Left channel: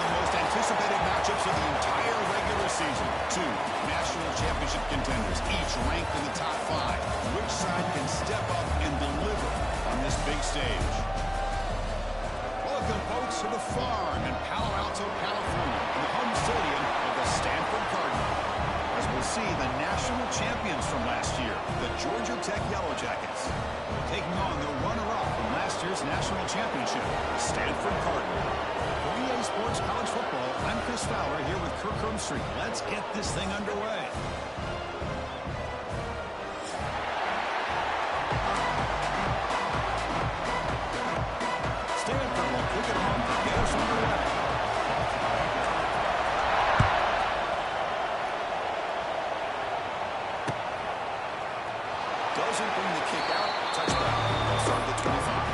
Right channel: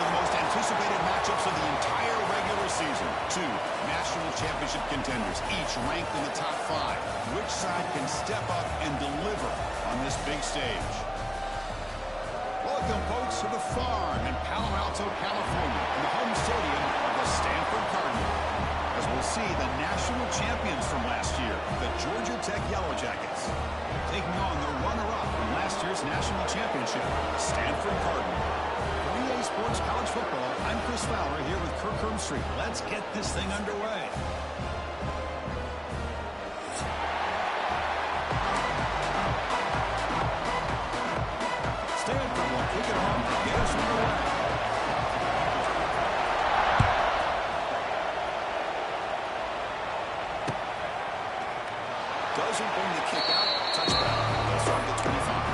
one of the most anticipated matchups of the entire regular season. Two national championship contenders, each ranked in the top 5. Which side can step up and deliver on this big stage? Welcome, folks, to the Farm in Palo Alto, California, in the home stadium of the Stanford Cardinal. As we'll see the national champions from last year, the Georgia Tech Yellow Jackets, taking on the runner-up from last year's national championship, Stanford Cardinal. For EA Sports College Football, I'm Chris Fowler here with Kirk Herbstreit. Let's get this thing underway. Stanford will kick it home to get us underway. Doesn't bring the kick out. Touchdown. They'll start at the 25.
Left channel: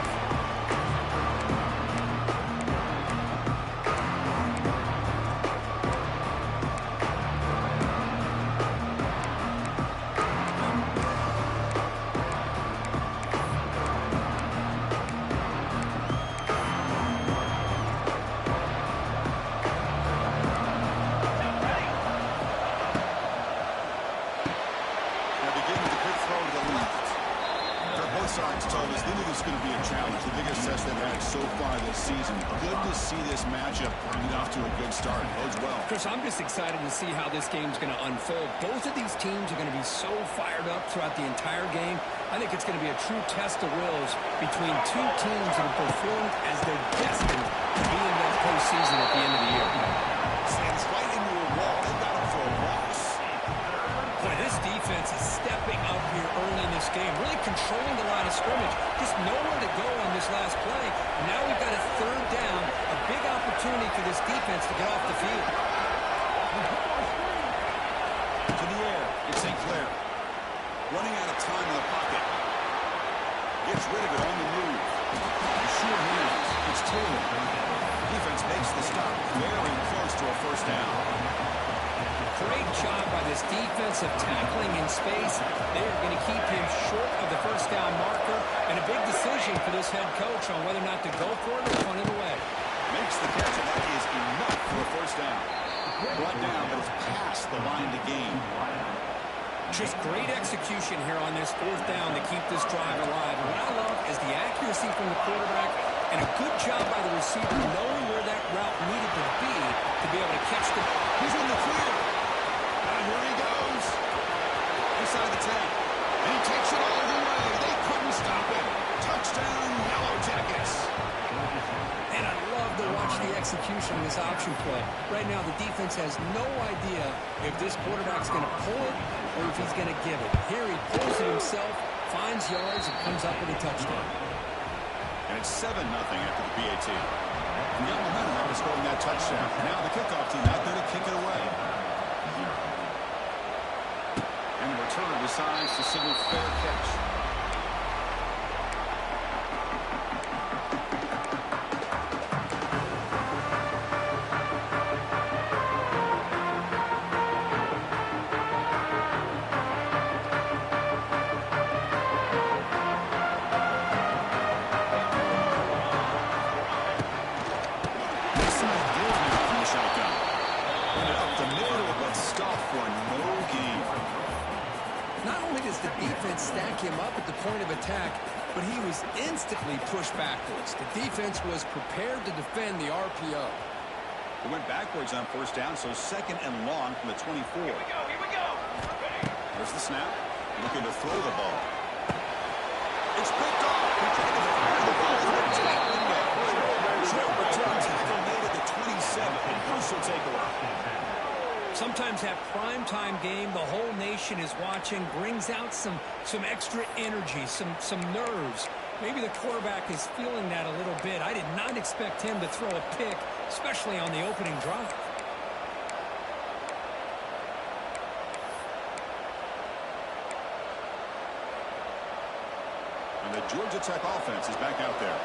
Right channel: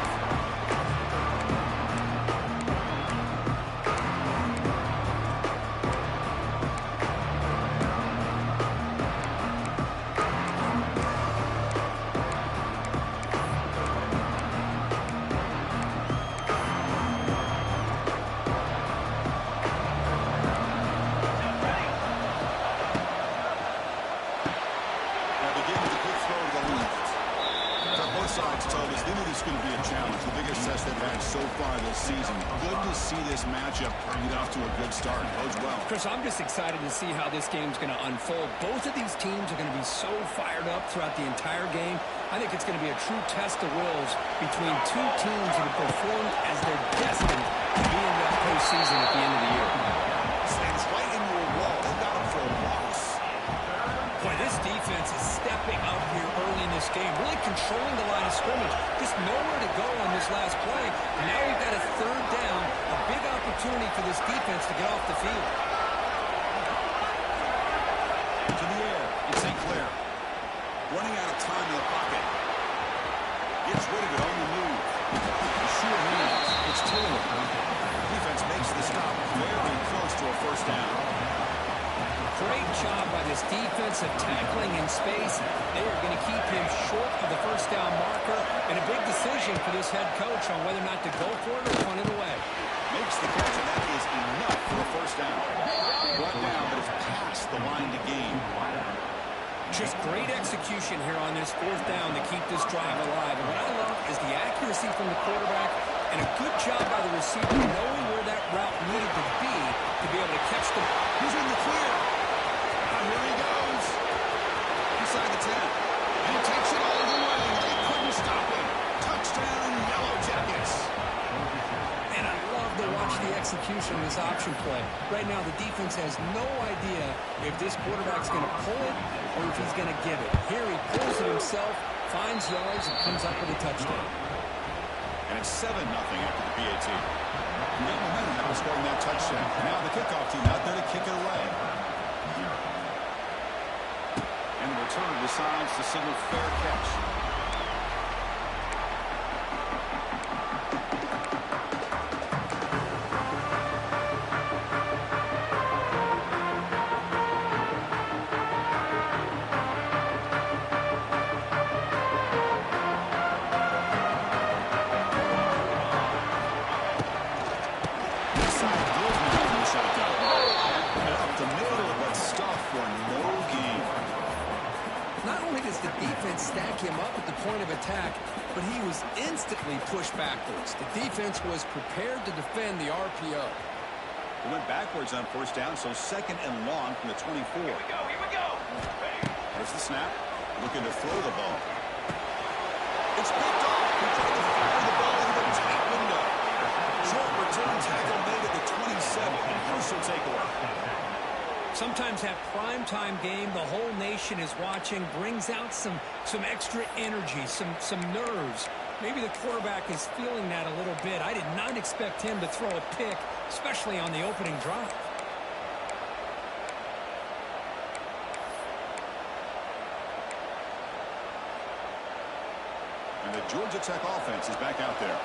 Sides told us they knew this was going to be a challenge, the biggest test they've had so far this season. Good to see this matchup get off to a good start. Bodes well. Chris, I'm just excited to see how this game's going to unfold. Both of these teams are going to be so fired up throughout the entire game. I think it's going to be a true test of wills between two teams that have performed as they're destined to be in that postseason at the end of the year. Slams right into a wall. They've got him for a loss. Boy, this defense is stepping up here early in this game, really controlling the line of scrimmage. Just nowhere to go on this last play. And now we've got a third down, a big opportunity for this defense to get off the field. To the air, it's St. Clair. Running out of time in the pocket. Gets rid of it on the move. The sure hands. It's Taylor. Defense makes the stop very close to a first down. Great job by this defense of tackling in space. They are going to keep him short of the first down marker, and a big decision for this head coach on whether or not to go for it or punt it away. Makes the catch, and that is enough for a first down. Brought down, but it's past the line to gain. Just great execution here on this fourth down to keep this drive alive. And what I love is the accuracy from the quarterback and a good job by the receiver knowing where that route needed to be able to catch the... He's in the clear. Here he goes. Inside the 10. And he takes it all the way. They couldn't stop him. Touchdown, Yellow Jackets. And I love to watch the execution of this option play. Right now, the defense has no idea if this quarterback's going to pull it or if he's going to give it. Here he pulls it himself, finds yards, and comes up with a touchdown. And it's 7-0 after the PAT. And got momentum after scoring that touchdown. Now the kickoff team out there to kick it away. And the returner decides to signal fair catch. This side gives me from the shotgun. Bring it up the middle, but stop for no gain. Not only does the defense stack him up at the point of attack, but he was instantly pushed backwards. The defense was prepared to defend the RPO. It went backwards on first down, so second and long from the 24. Here we go. There's the snap. Looking to throw the ball. It's picked off. He tried to fire the ball into the tight window. Short return tackle made at the 27. Crucial takeaway. Sometimes that primetime game the whole nation is watching brings out some extra energy, some nerves. Maybe the quarterback is feeling that a little bit. I did not expect him to throw a pick, especially on the opening drive. And the Georgia Tech offense is back out there.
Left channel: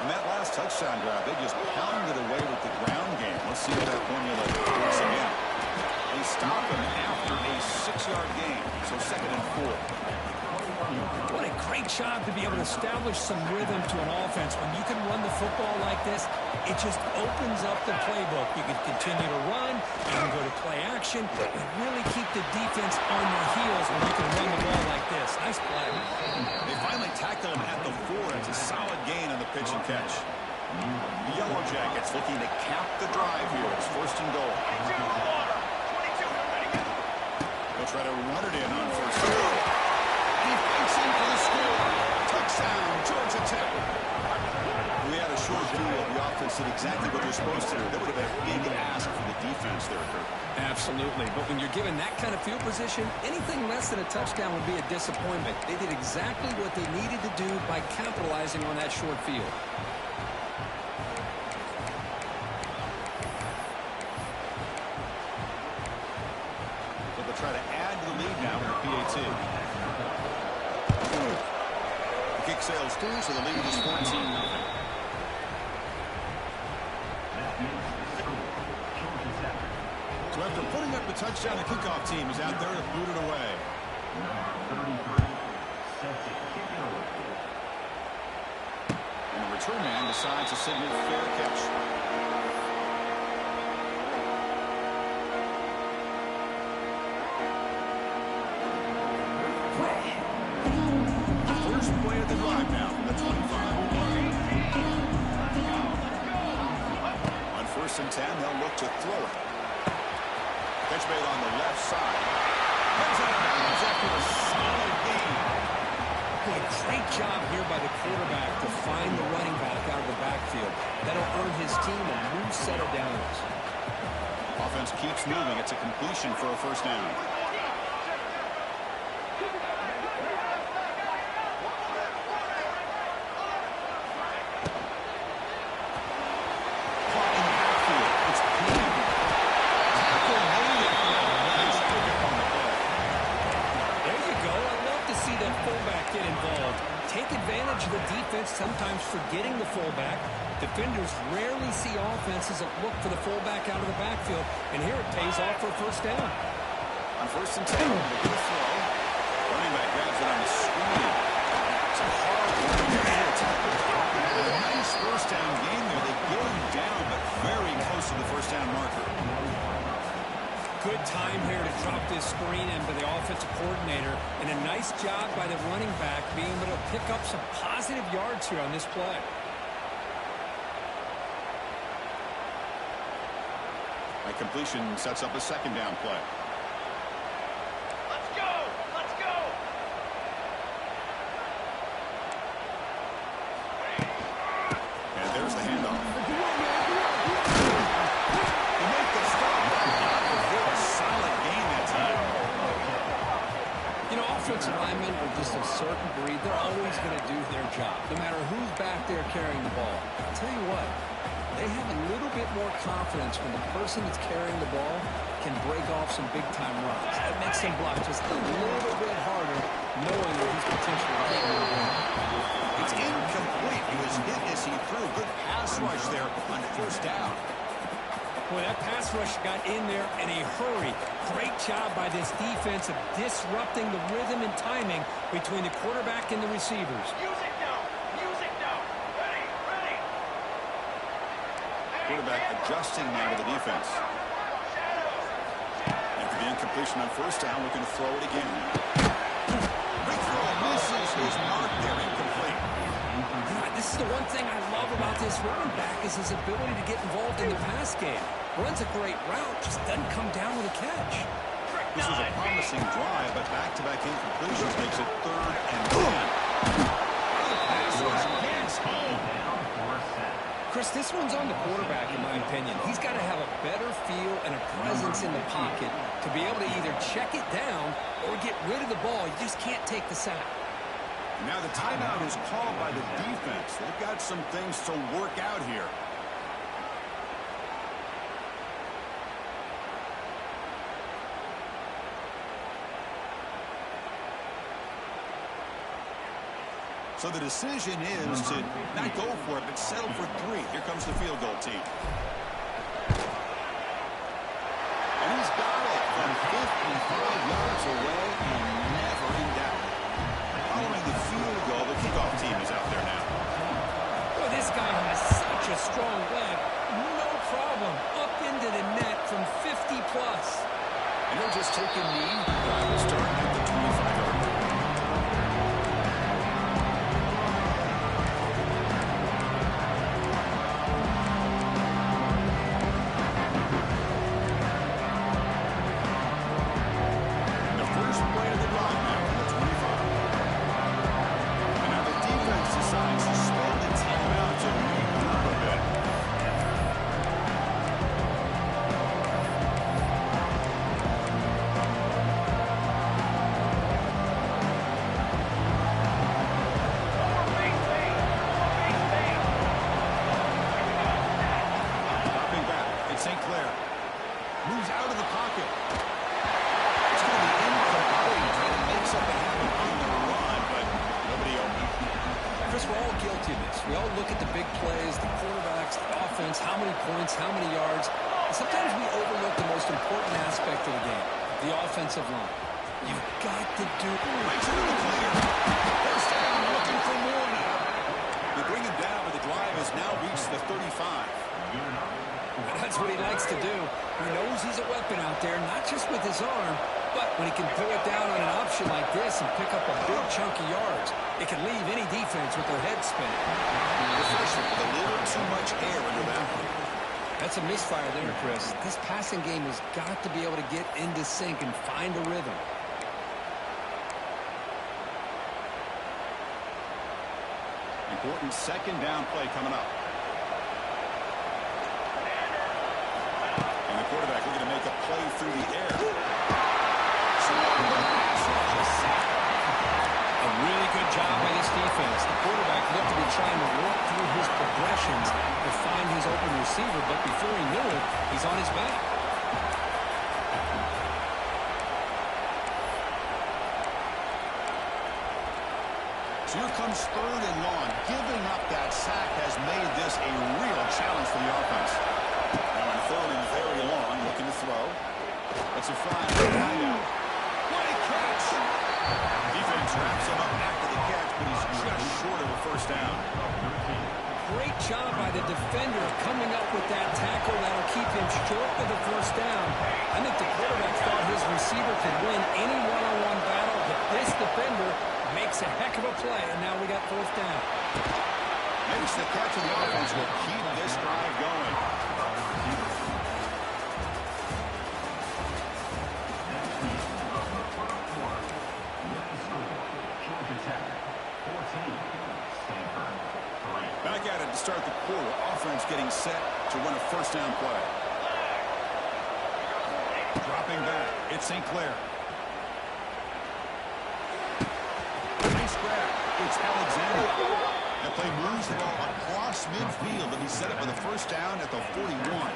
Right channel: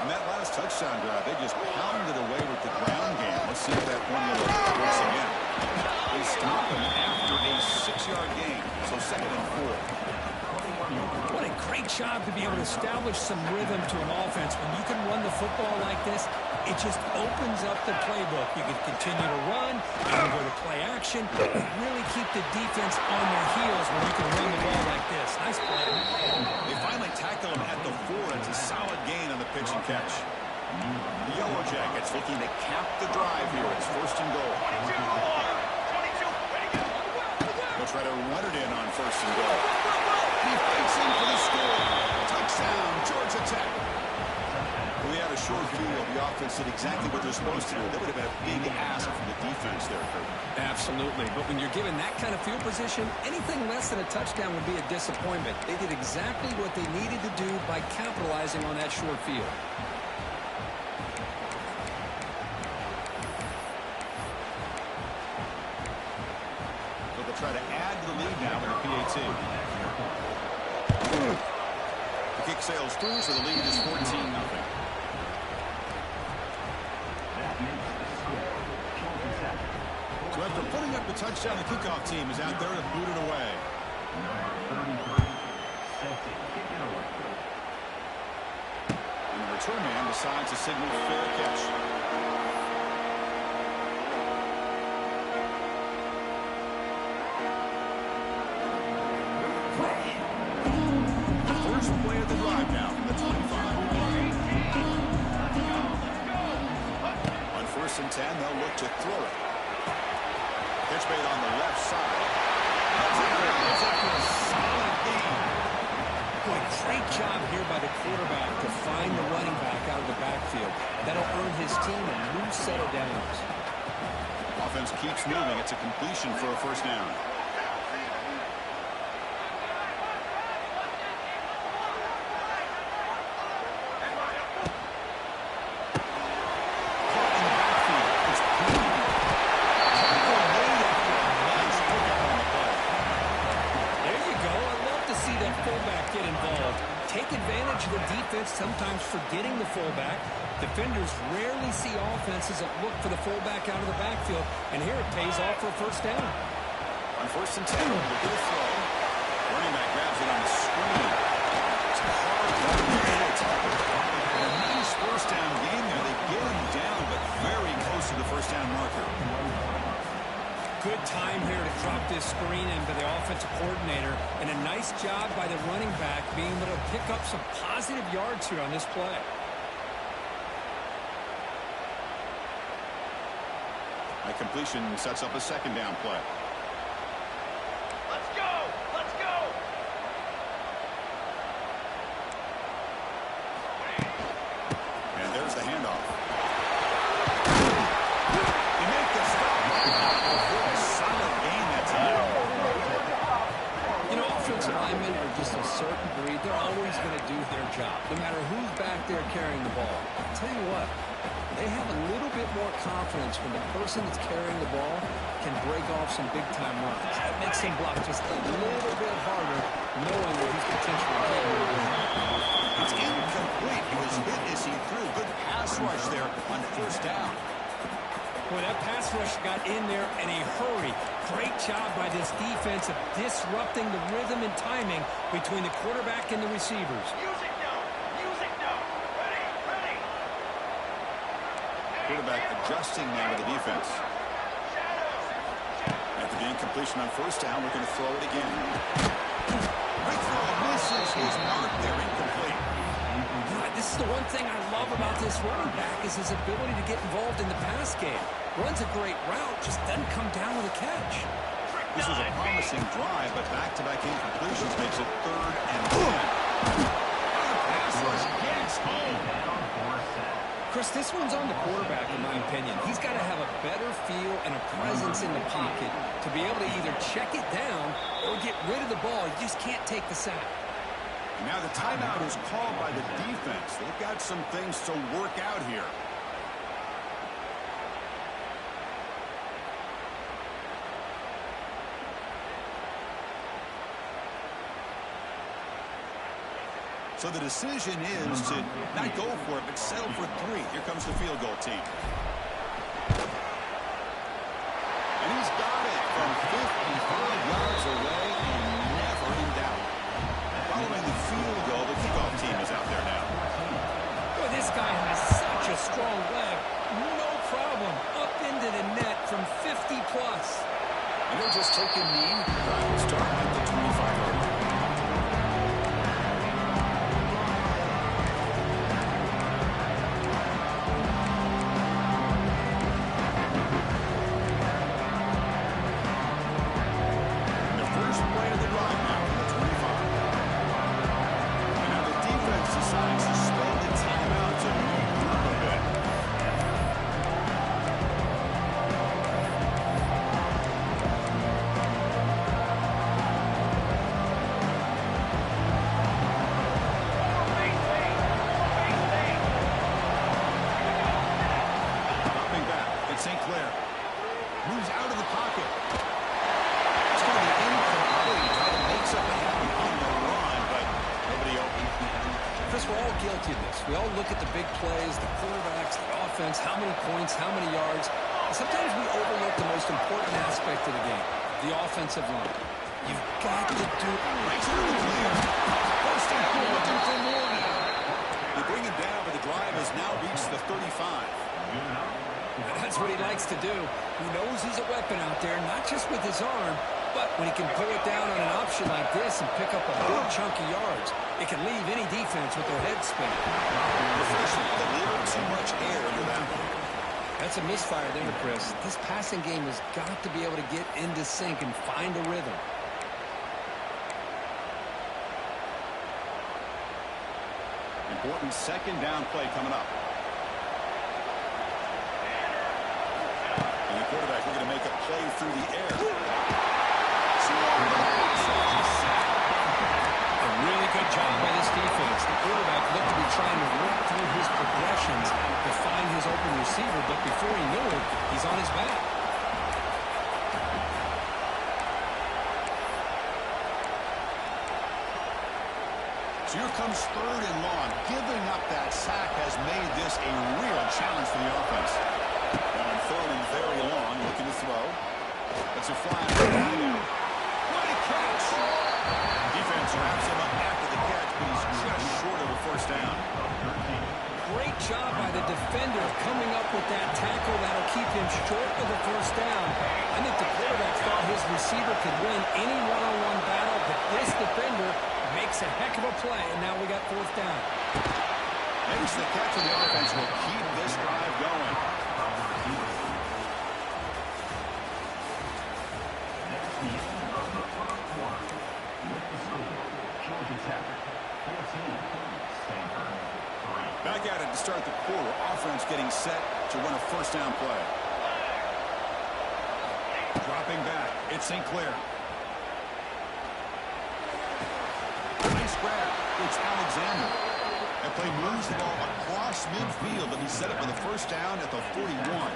On that last touchdown drive, they just pounded away with the ground game. Let's see if that formula works again. They stop him after a 6-yard gain, so second and 4. What a great job to be able to establish some rhythm to an offense. When you can run the football like this, it just opens up the playbook. You can continue to run, you can go to play action, but really keep the defense on their heels when you can run the ball like this. Nice play. They finally tackle him at the 4. It's a solid gain on the pitch and catch. The Yellow Jackets looking to cap the drive here. It's 1st and goal. 22 to the water. 22, ready, go. They'll try to run it in on 1st and goal. And he fights in for the score. Touchdown, Georgia Tech. We had a short field. The offense did exactly what they're supposed to do. That would have been a big ask from the defense there, Kurt. Absolutely. But when you're given that kind of field position, anything less than a touchdown would be a disappointment. They did exactly what they needed to do by capitalizing on that short field. So they'll try to add to the lead now in the PAT. The kick sails through, so the lead is 14-0. So after putting up the touchdown, the kickoff team is out there to boot it away. And the return man decides to signal fair catch. First play of the drive now from the 25. On 1st and 10, they'll look to throw it. Catch made on the left side. Heads out of bounds after a solid gain. Boy, great job here by the quarterback to find the running back out of the backfield. That'll earn his team a new set of downs. Offense keeps moving. It's a completion for a 1st down. Caught in the backfield. It's Green. Tackle made after a nice pickup on the play. There you go. I love to see that fullback get involved. Take advantage of the defense, sometimes forgetting the fullback. Defenders rarely see offenses that look for the fullback out of the backfield, and here it pays off for a 1st down. On 1st and 10, look at the throw. Running back grabs it on the screen. It's a hard running there to tackle. A nice 1st down gain there. They get him down, but very close to the 1st down marker. Good time here to drop this screen in by the offensive coordinator, and a nice job by the running back being able to pick up some positive yards here on this play. That completion sets up a 2nd down play. Let's go. Let's go. And there's the handoff. They make the stop. Before a solid gain that time. You know, offensive linemen are just a certain breed. They're always going to do their job, no matter who's back there carrying the ball. I'll tell you what, they have a little bit more confidence when the person that's carrying the ball can break off some big-time runs. That makes them block just a little bit harder, knowing that he's potentially capable of doing it. It's incomplete. He was hit as he threw. Good pass rush there on 1st down. Boy, that pass rush got in there in a hurry. Great job by this defense of disrupting the rhythm and timing between the quarterback and the receivers. Music now. Music now. Ready, ready. Quarterback adjusting now to the defense. After the incompletion on 1st down, looking to throw it again. Big throw misses his mark there, incomplete. You know, this is the one thing I love about this running back is his ability to get involved in the pass game. Runs a great route, just doesn't come down with a catch. This was a promising drive, but back-to-back incompletions makes it 3rd and 10. The pass rush gets home. Chris, this one's on the quarterback, in my opinion. He's got to have a better feel and a presence in the pocket to be able to either check it down or get rid of the ball. You just can't take the sack. Now the timeout is called by the defense. They've got some things to work out here. So the decision is to not go for it, but settle for 3. Here comes the field goal team. And he's got it from 55 yards away and never in doubt. Following the field goal, the kickoff team is out there now. Boy, this guy has such a strong leg. No problem. Up into the net from 50 plus. And he'll just take a knee. Drive will start at the 25-yard line. The first play of the drive now from the 25. And now the defense decides to spend the timeout to regroup a bit. Dropping back, it's St. Clair. Moves out of the pocket. It's going to be incomplete. Trying to make something happen on the run, but nobody open. Chris, we're all guilty of this. We all look at the big plays, the quarterbacks, the offense, how many points, how many yards. And sometimes we overlook the most important aspect of the game, the offensive line. You've got to do... Breaks into the clear. First down, looking for more now. They bring him down, but the drive has now reached the 35. That's what he likes to do. He knows he's a weapon out there, not just with his arm, but when he can pull it down on an option like this and pick up a big chunk of yards, it can leave any defense with their head spinning. Professional with a little too much air under that one. That's a misfire there, Chris. This passing game has got to be able to get into sync and find a rhythm. Important second down play coming up. And the quarterback looking to make a play through the air. A really good job by this defense. The quarterback looked to be trying to work through his progressions to find his open receiver, but before he knew it, he's on his back. So here comes third and long. Giving up that sack has made this a real challenge for the offense. Now on third and very long, looking to throw. That's a fly right out. What a catch! Defense wraps him up after the catch, but he's just short of a first down. Great job by the defender coming up with that tackle that'll keep him short of the first down. I think the quarterback thought his receiver could win any one-on-one battle, but this defender makes a heck of a play, and now we got fourth down. Makes the catch, and the offense will keep this drive going. Back at it to start the quarter. Offense getting set to run a first down play. Dropping back. It's St. Clair. Nice grab. It's Alexander. That play moves the ball across midfield, and he set it for the first down at the 41.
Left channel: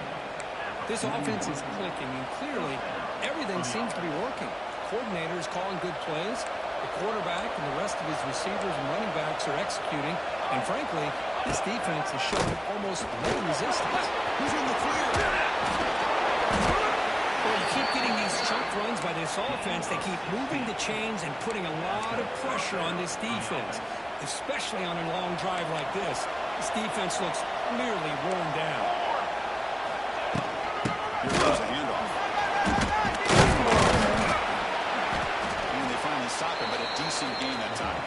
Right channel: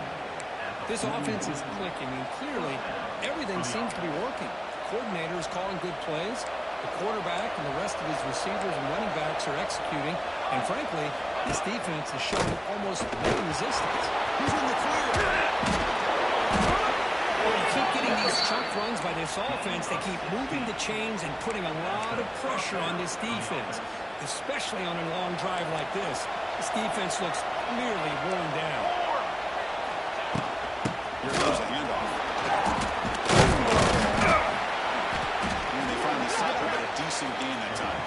This offense is clicking, and clearly everything seems to be working. The coordinator is calling good plays. The quarterback and the rest of his receivers and running backs are executing. And frankly, this defense is showing almost no resistance. Who's in the clear? Well, you keep getting these chunk runs by this offense. They keep moving the chains and putting a lot of pressure on this defense, especially on a long drive like this. This defense looks clearly worn down. Here goes a handoff. Stop it, but a decent gain that time.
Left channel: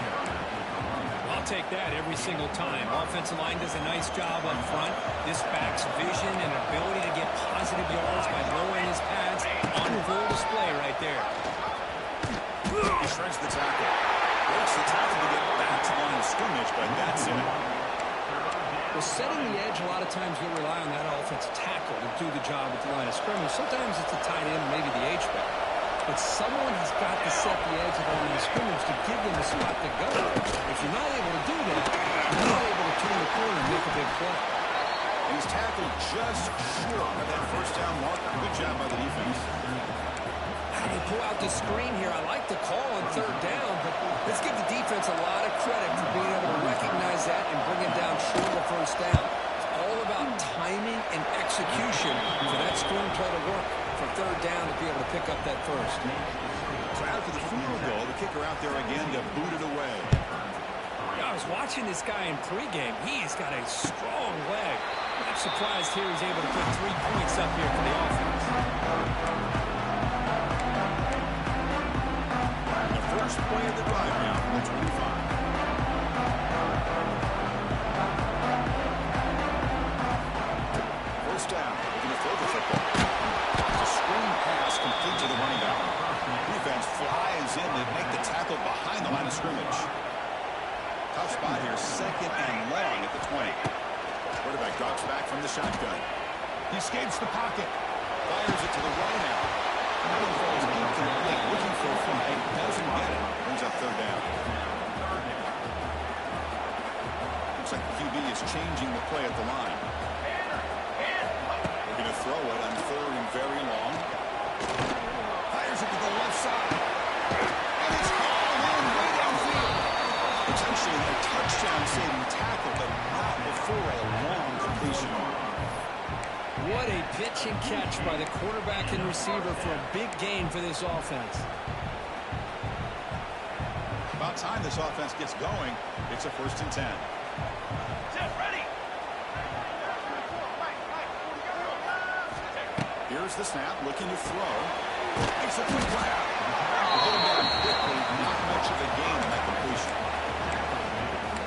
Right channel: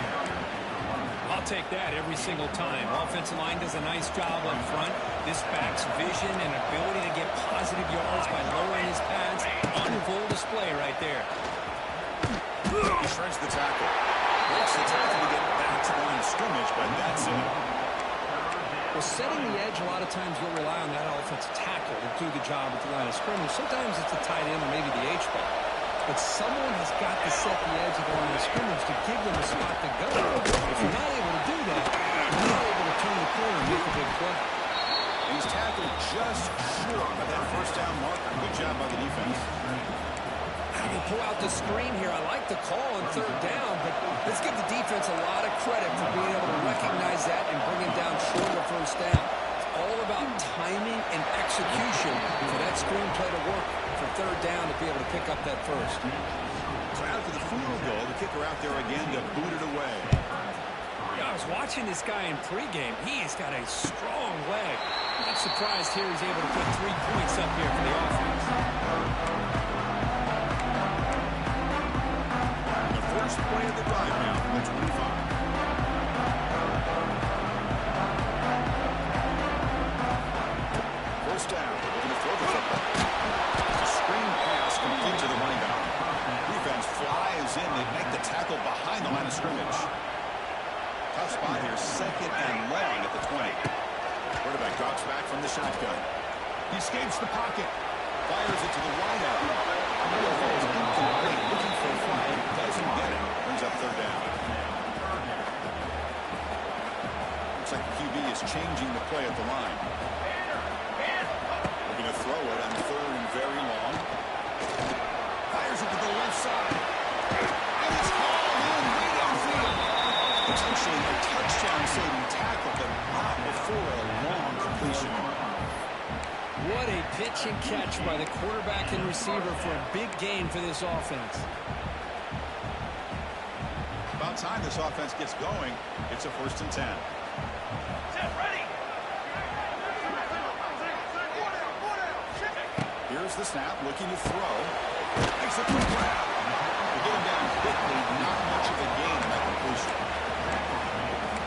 I'll take that every single time. Offensive line does a nice job up front. This back's vision and ability to get positive yards by lowering his pads on full display right there. He shreds the tackle. Breaks the tackle to get back to the line of scrimmage, but that's it. Well, setting the edge, a lot of times you'll rely on that offensive tackle to do the job at the line of scrimmage. Sometimes it's the tight end or maybe the H-back. But someone has got to set the edge of the line of scrimmage to give them a spot to go. If you're not able to do that, you're not able to turn the corner and make a big play. And he's tackled just short of that first down marker. Good job by the defense. How do you pull out the screen here? I like the call on third down, but let's give the defense a lot of credit for being able to recognize that and bring him down short of the first down. It's all about timing and execution for that screen play to work for third down to be able to pick up that first. So So after the field goal, the kicker out there again to boot it away. Yeah, I was watching this guy in pregame. He's got a strong leg. Not surprised here he's able to put 3 points up here for the offense. The first play of the drive now from the 25. First down. Looking to throw the football. It's a screen pass complete to the running back. Defense flies in. They make the tackle behind the line of scrimmage. Tough spot here, 2nd and long at the 20. Quarterback drops back from the shotgun. He escapes the pocket. Fires it to the wide out. That one falls incomplete. Looking for a flag. Doesn't get it. Brings up 3rd down. Looks like the QB is changing the play at the line. Looking to throw it on 3rd and very long. Fires it to the left side. And it's hauled in way downfield. Potentially a touchdown-saving tackle, but not before a long completion. What a pitch and catch by the quarterback and receiver for a big gain for this offense. About time this offense gets going. It's a 1st and 10. Set, ready. Here's the snap, looking to throw. Makes a quick grab. They get him down quickly, not much of a gain in that completion.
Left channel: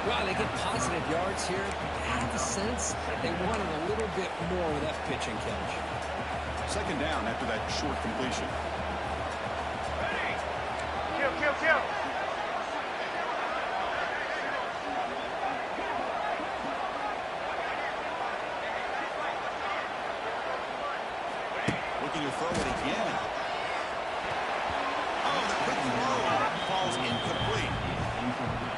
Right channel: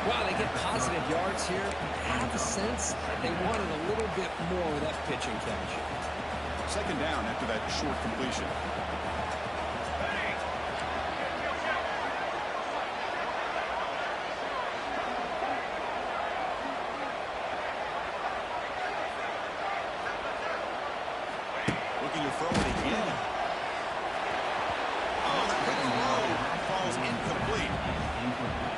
Wow, they get positive yards here, but I have the sense that they wanted a little bit more with that pitch and catch. 2nd down after that short completion. Ready. Kill. Looking to throw it again. Oh, the quick throw falls incomplete.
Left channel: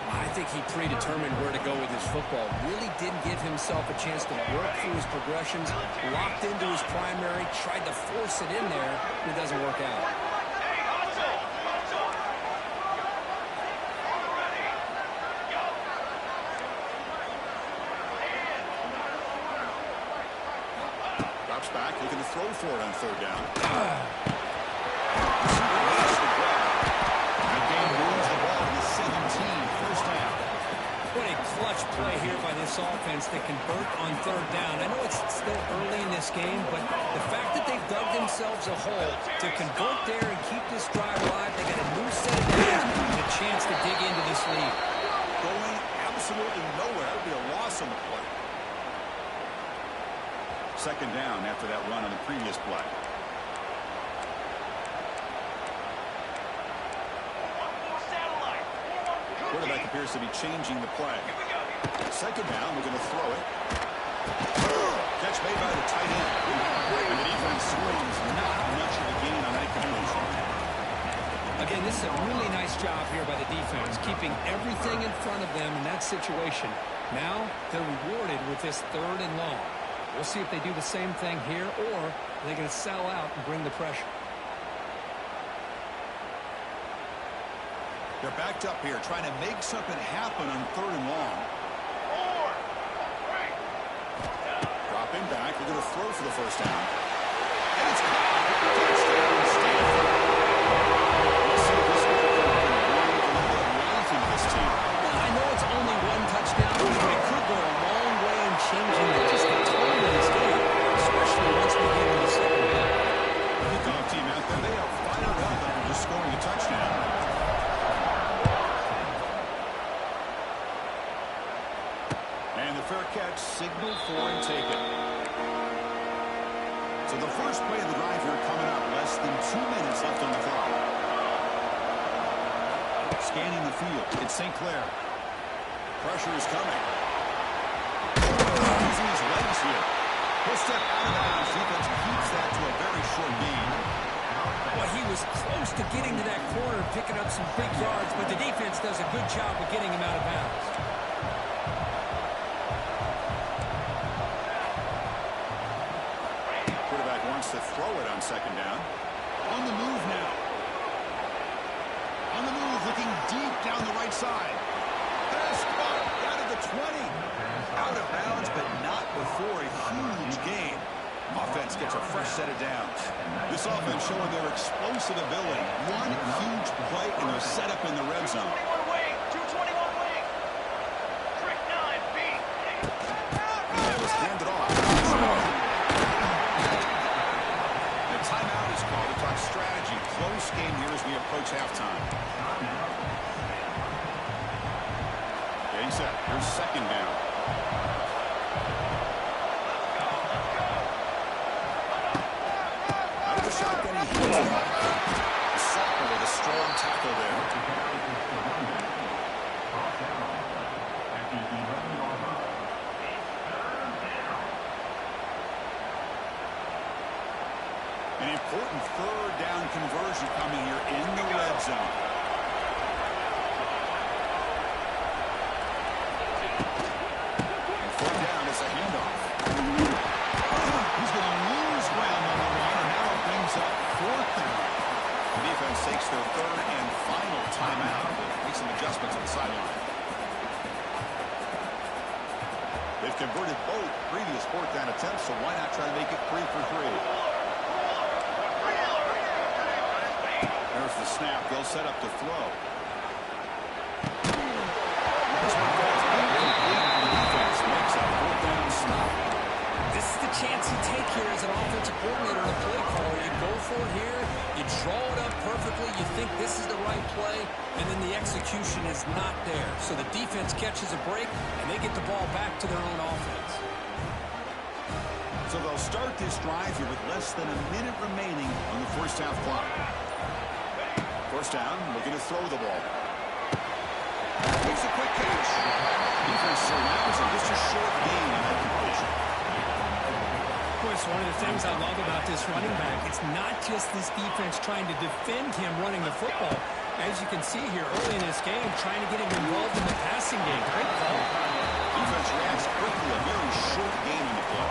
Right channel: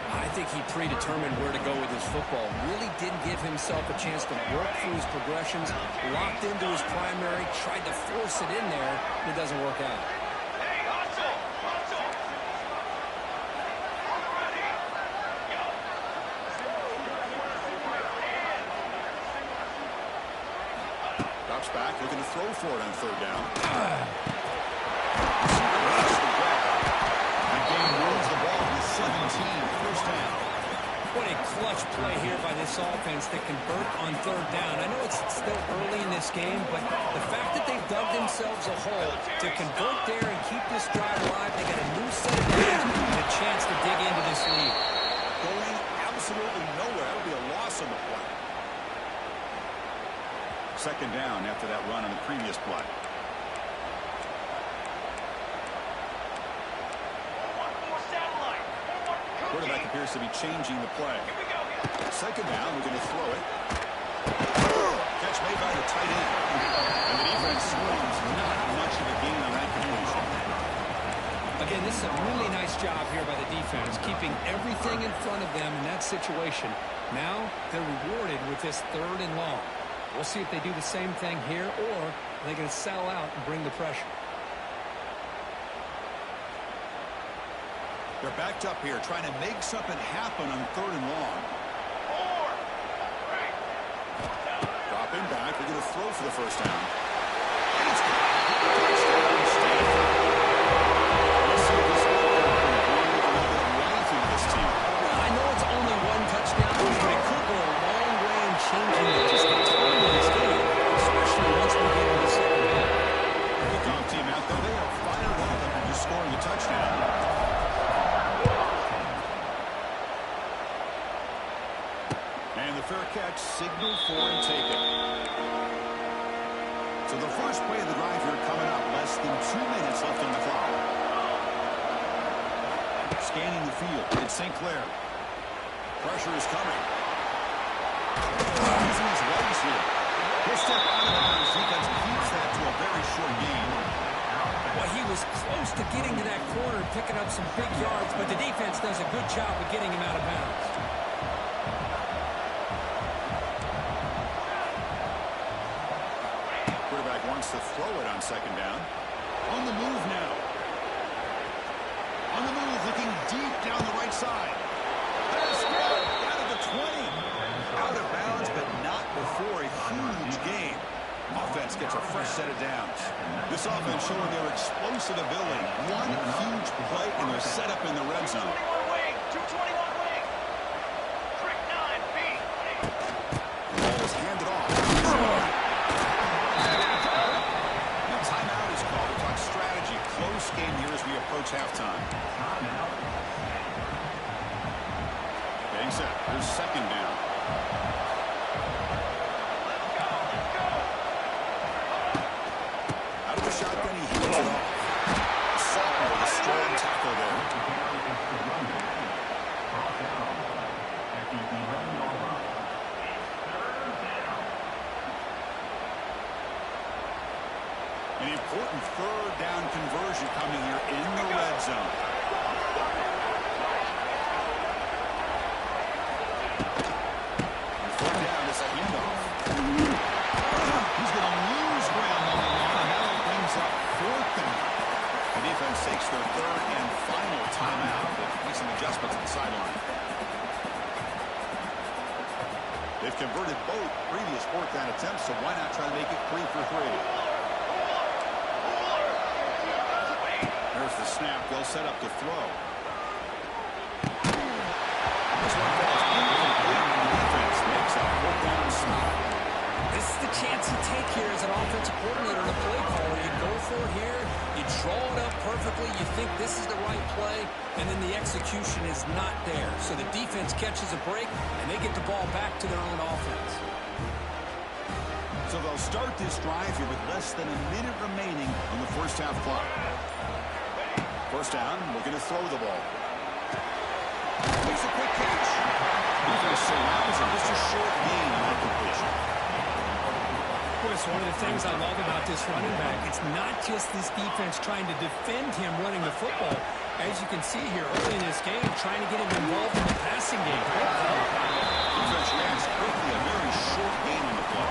I think he predetermined where to go with his football. Really didn't give himself a chance to work through his progressions. Locked into his primary, tried to force it in there, and it doesn't work out. Hey, hustle. Ready. Go. Drops back, looking to throw for it on 3rd down. Receiver makes the grab. That game moves the ball to the 17, 1st down. What a clutch play here by this offense to convert on 3rd down. I know it's still early in this game, but the fact that they've dug themselves a hole to convert there and keep this drive alive, they got a new set of downs and a chance to dig into this lead. Going absolutely nowhere. That would be a loss on the play. 2nd down after that run on the previous play. Quarterback appears to be changing the play. 2nd down, we're going to throw it. Catch made by the tight end. And the defense swarms, not much of a gain on that completion. Again, this is a really nice job here by the defense, keeping everything in front of them in that situation. Now, they're rewarded with this 3rd and long. We'll see if they do the same thing here, or are they going to sell out and bring the pressure. They're backed up here, trying to make something happen on 3rd and long. 4, 3. Dropping back, they're going to throw for the 1st down. And it's caught. Touchdown, Stanford. Let's see if this can breathe a little bit of life into this team. Well, I know it's only 1 touchdown, but it could go a long way in changing just the tone of this game, especially once we get into the 2nd half. The kickoff team out there, they are fired up after just scoring a touchdown. And the fair catch signaled for and taken. So the first play of the drive here coming up. Less than 2 minutes left on the clock. Scanning the field. It's St. Clair. Pressure is coming. Using his legs here. He'll step out of bounds. Defense keeps that to a very short gain. Well, he was close to getting to that corner, picking up some big yards, but the defense does a good job of getting him out of bounds. Quarterback wants to throw it on 2nd down. On the move now. On the move, looking deep down the right side. Pass caught down at the 20. Out of bounds, but not before a huge gain. Offense gets a fresh set of downs. This offense showing their explosive ability. One huge play, and they're set up in the red zone. 221 wing. 221 wing. Trick 9, B. The ball is handed off. The timeout is called to talk strategy. Close game here as we approach halftime. Getting set. Here's second down. Let's go. Let's go. Out of the shotgun, he hits it off. The sophomore with a strong tackle there. An important third down conversion coming here in the red zone. And third down is a handoff. He's going to lose ground on the line, and now it brings up fourth down. The defense takes their third and final timeout to make some adjustments on the sideline. They've converted both previous fourth down attempts, so why not try to make it 3 for 3? There's the snap. They'll set up to throw. This one falls incomplete, and the defense makes a fourth down stop. This is the chance you take here as an offensive coordinator and a play caller. You go for it here. You draw it up perfectly. You think this is the right play, and then the execution is not there. So the defense catches a break, and they get the ball back to their own offense. So they'll start this drive here with less than a minute remaining on the first half clock. First down, looking to throw the ball. Makes a quick catch. Defense surrounds him. Just a short gain on that completion. Boy, it's one of the things I love about this running back. It's not just this defense trying to defend him running the football. As you can see here early in this game, trying to get him involved in the passing game. Great call. Defense reacts quickly. A very short gain on the play.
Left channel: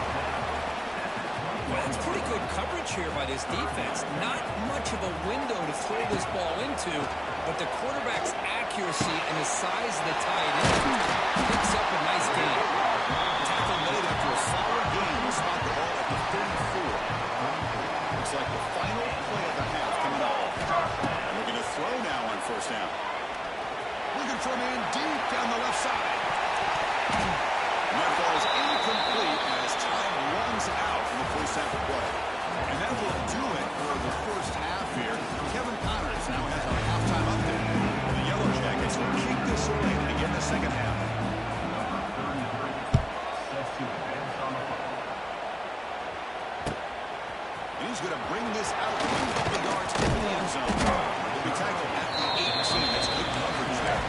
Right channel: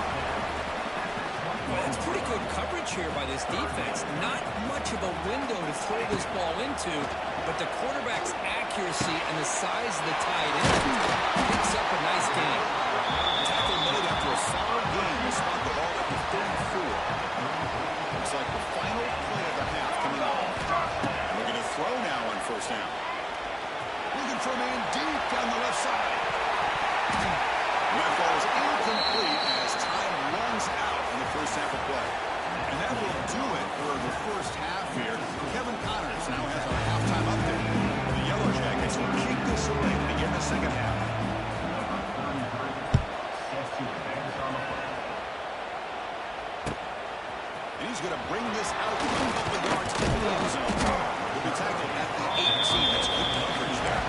Well, that's pretty good coverage here by this defense. Not much of a window to throw this ball into, but the quarterback's accuracy and the size of the tight end picks up a nice gain. Tackle made after a solid gain. Will spot the ball at the 34. Looks like the final play of the half coming up. And we're going to throw now on first down. Looking for a man deep down the left side. And that ball is incomplete as time runs out in the first half of play. And that will do it for the first half here. Kevin Connors now has our halftime update. The Yellow Jackets will kick this away to begin the second half. And he's going to bring this out a couple yards into the end zone. He'll be tackled at the 18. That's good coverage there.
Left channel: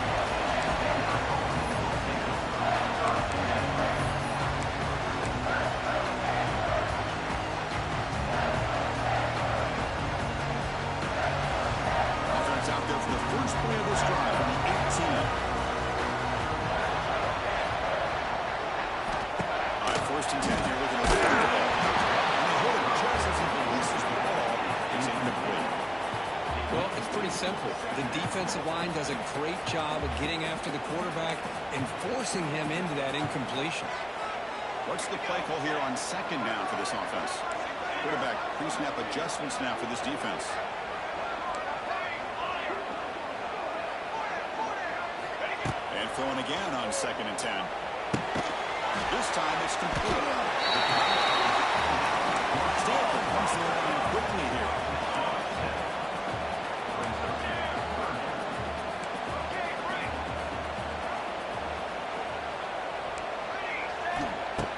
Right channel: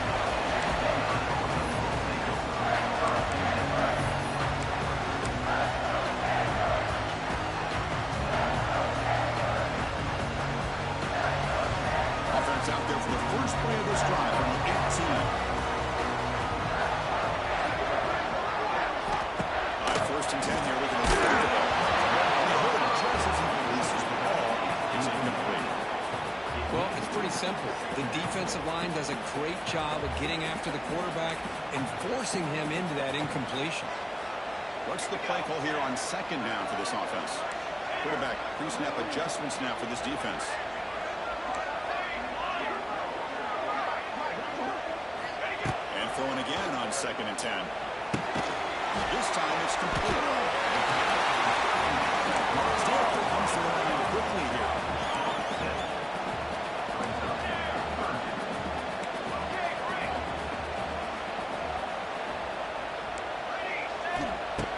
Out there for the first play of this drive on the 18. All right, first and 10 here, looking to throw the ball. And they hit him just as he releases the ball. It's incomplete. Well, it's pretty simple. The defensive line does a great job of getting after the quarterback and forcing him into that incompletion. What's the play call here on second down for this offense? Quarterback pre-snap adjustments now for this defense. Throwing again on second and 10. This time it's complete. Stanford comes to the line quickly here.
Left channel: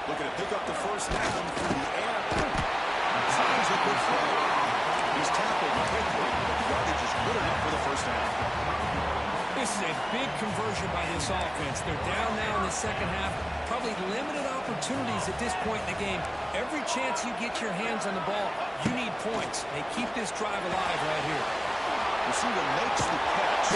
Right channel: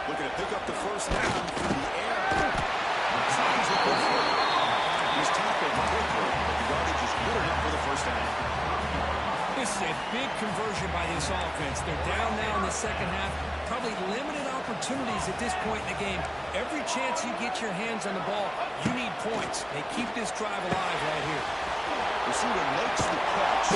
Looking to pick up the first down through the air. Signs a good throw. He's tackled quickly, but the yardage is good enough for the first down. This is a big conversion by this offense. They're down now in the second half. Probably limited opportunities at this point in the game. Every chance you get your hands on the ball, you need points. They keep this drive alive right here. Receiver makes the catch.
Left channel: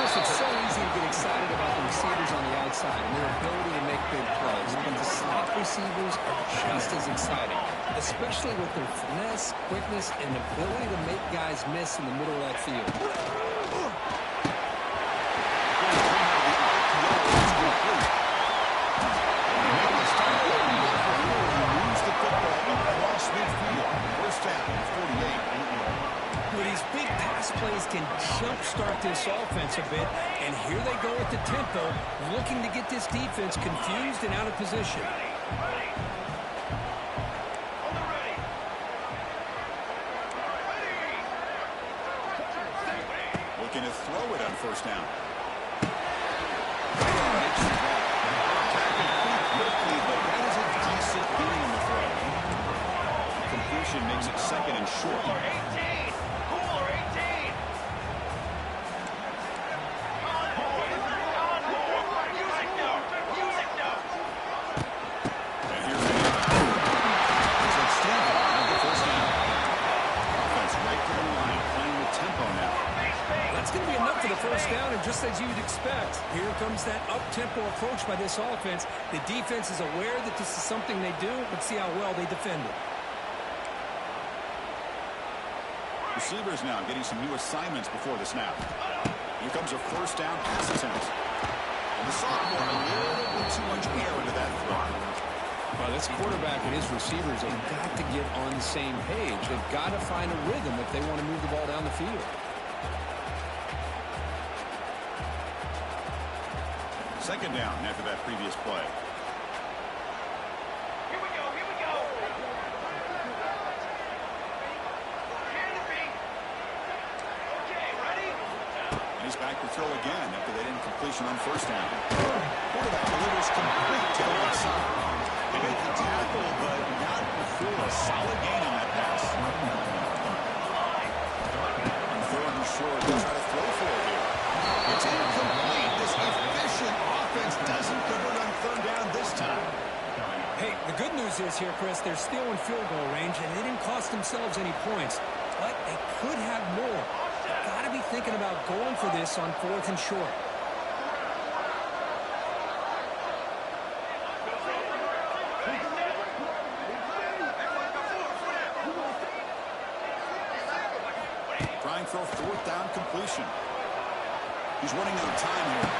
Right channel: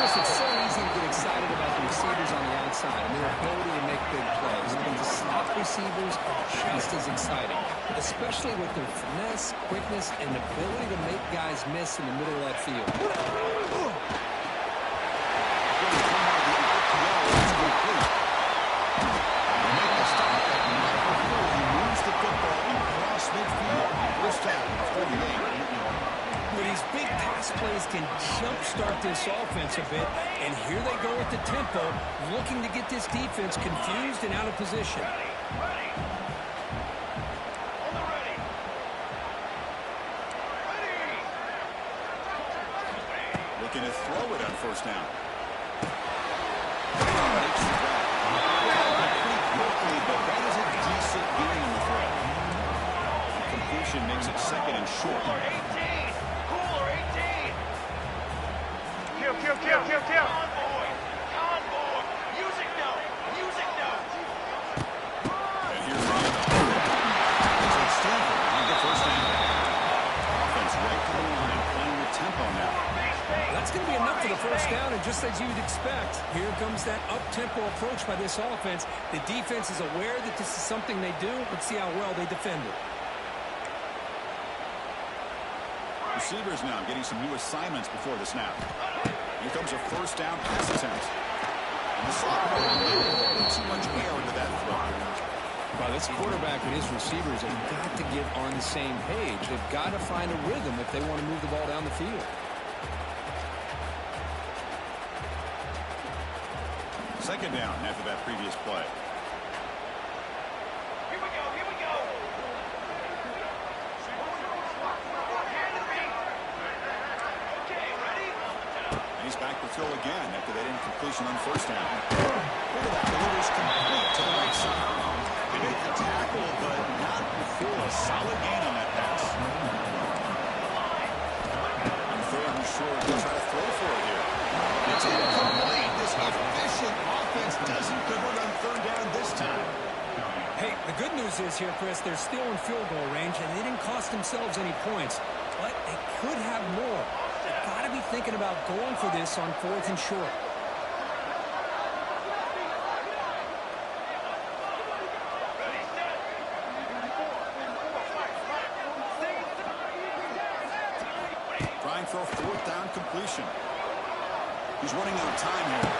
Chris, it's so easy to get excited about the receivers on the outside and their ability to make big plays. But the slot receivers are just as exciting, especially with their finesse, quickness, and ability to make guys miss in the middle of that field. He moves the football These big pass plays can jumpstart this offense a bit, and here they go with the tempo, looking to get this defense confused and out of position. Ready. On the ready. Looking to throw it on first down. Makes the grab. Tackled pretty quickly, but that is a decent gain on the throw. Completion makes it second and short. Cooler 18. Cooler 18. Kill. Convoy. Music note. Music note. And here's the handoff. Looks like Stanford on the first down. Offense right to the line, playing with tempo now. That's going to be enough for the first down, and just as you'd expect, here comes that up-tempo approach by this offense. The defense is aware that this is something they do. Let's see how well they defend it. Receivers now getting some new assignments before the snap. Here comes a first down pass attempt. And the sophomore, a little bit too much air into that throw. Well, this quarterback and his receivers have got to get on the same page. They've got to find a rhythm if they want to move the ball down the field. Second down after that previous play. Here we go. Hand it me. Okay, ready? And he's back to throw again after that incompletion on first down. Quarterback delivers complete to the right side. They make the tackle, but not before a solid gain on that pass. On third and short, they'll try to throw for it here. It's incomplete. This efficient offense doesn't convert on third down this time. Hey, the good news is here, Chris, they're still in field goal range, and they didn't cost themselves any points. But they could have more. They've got to be thinking about going for this on fourth and short. Trying for a fourth down completion. He's running out of time here.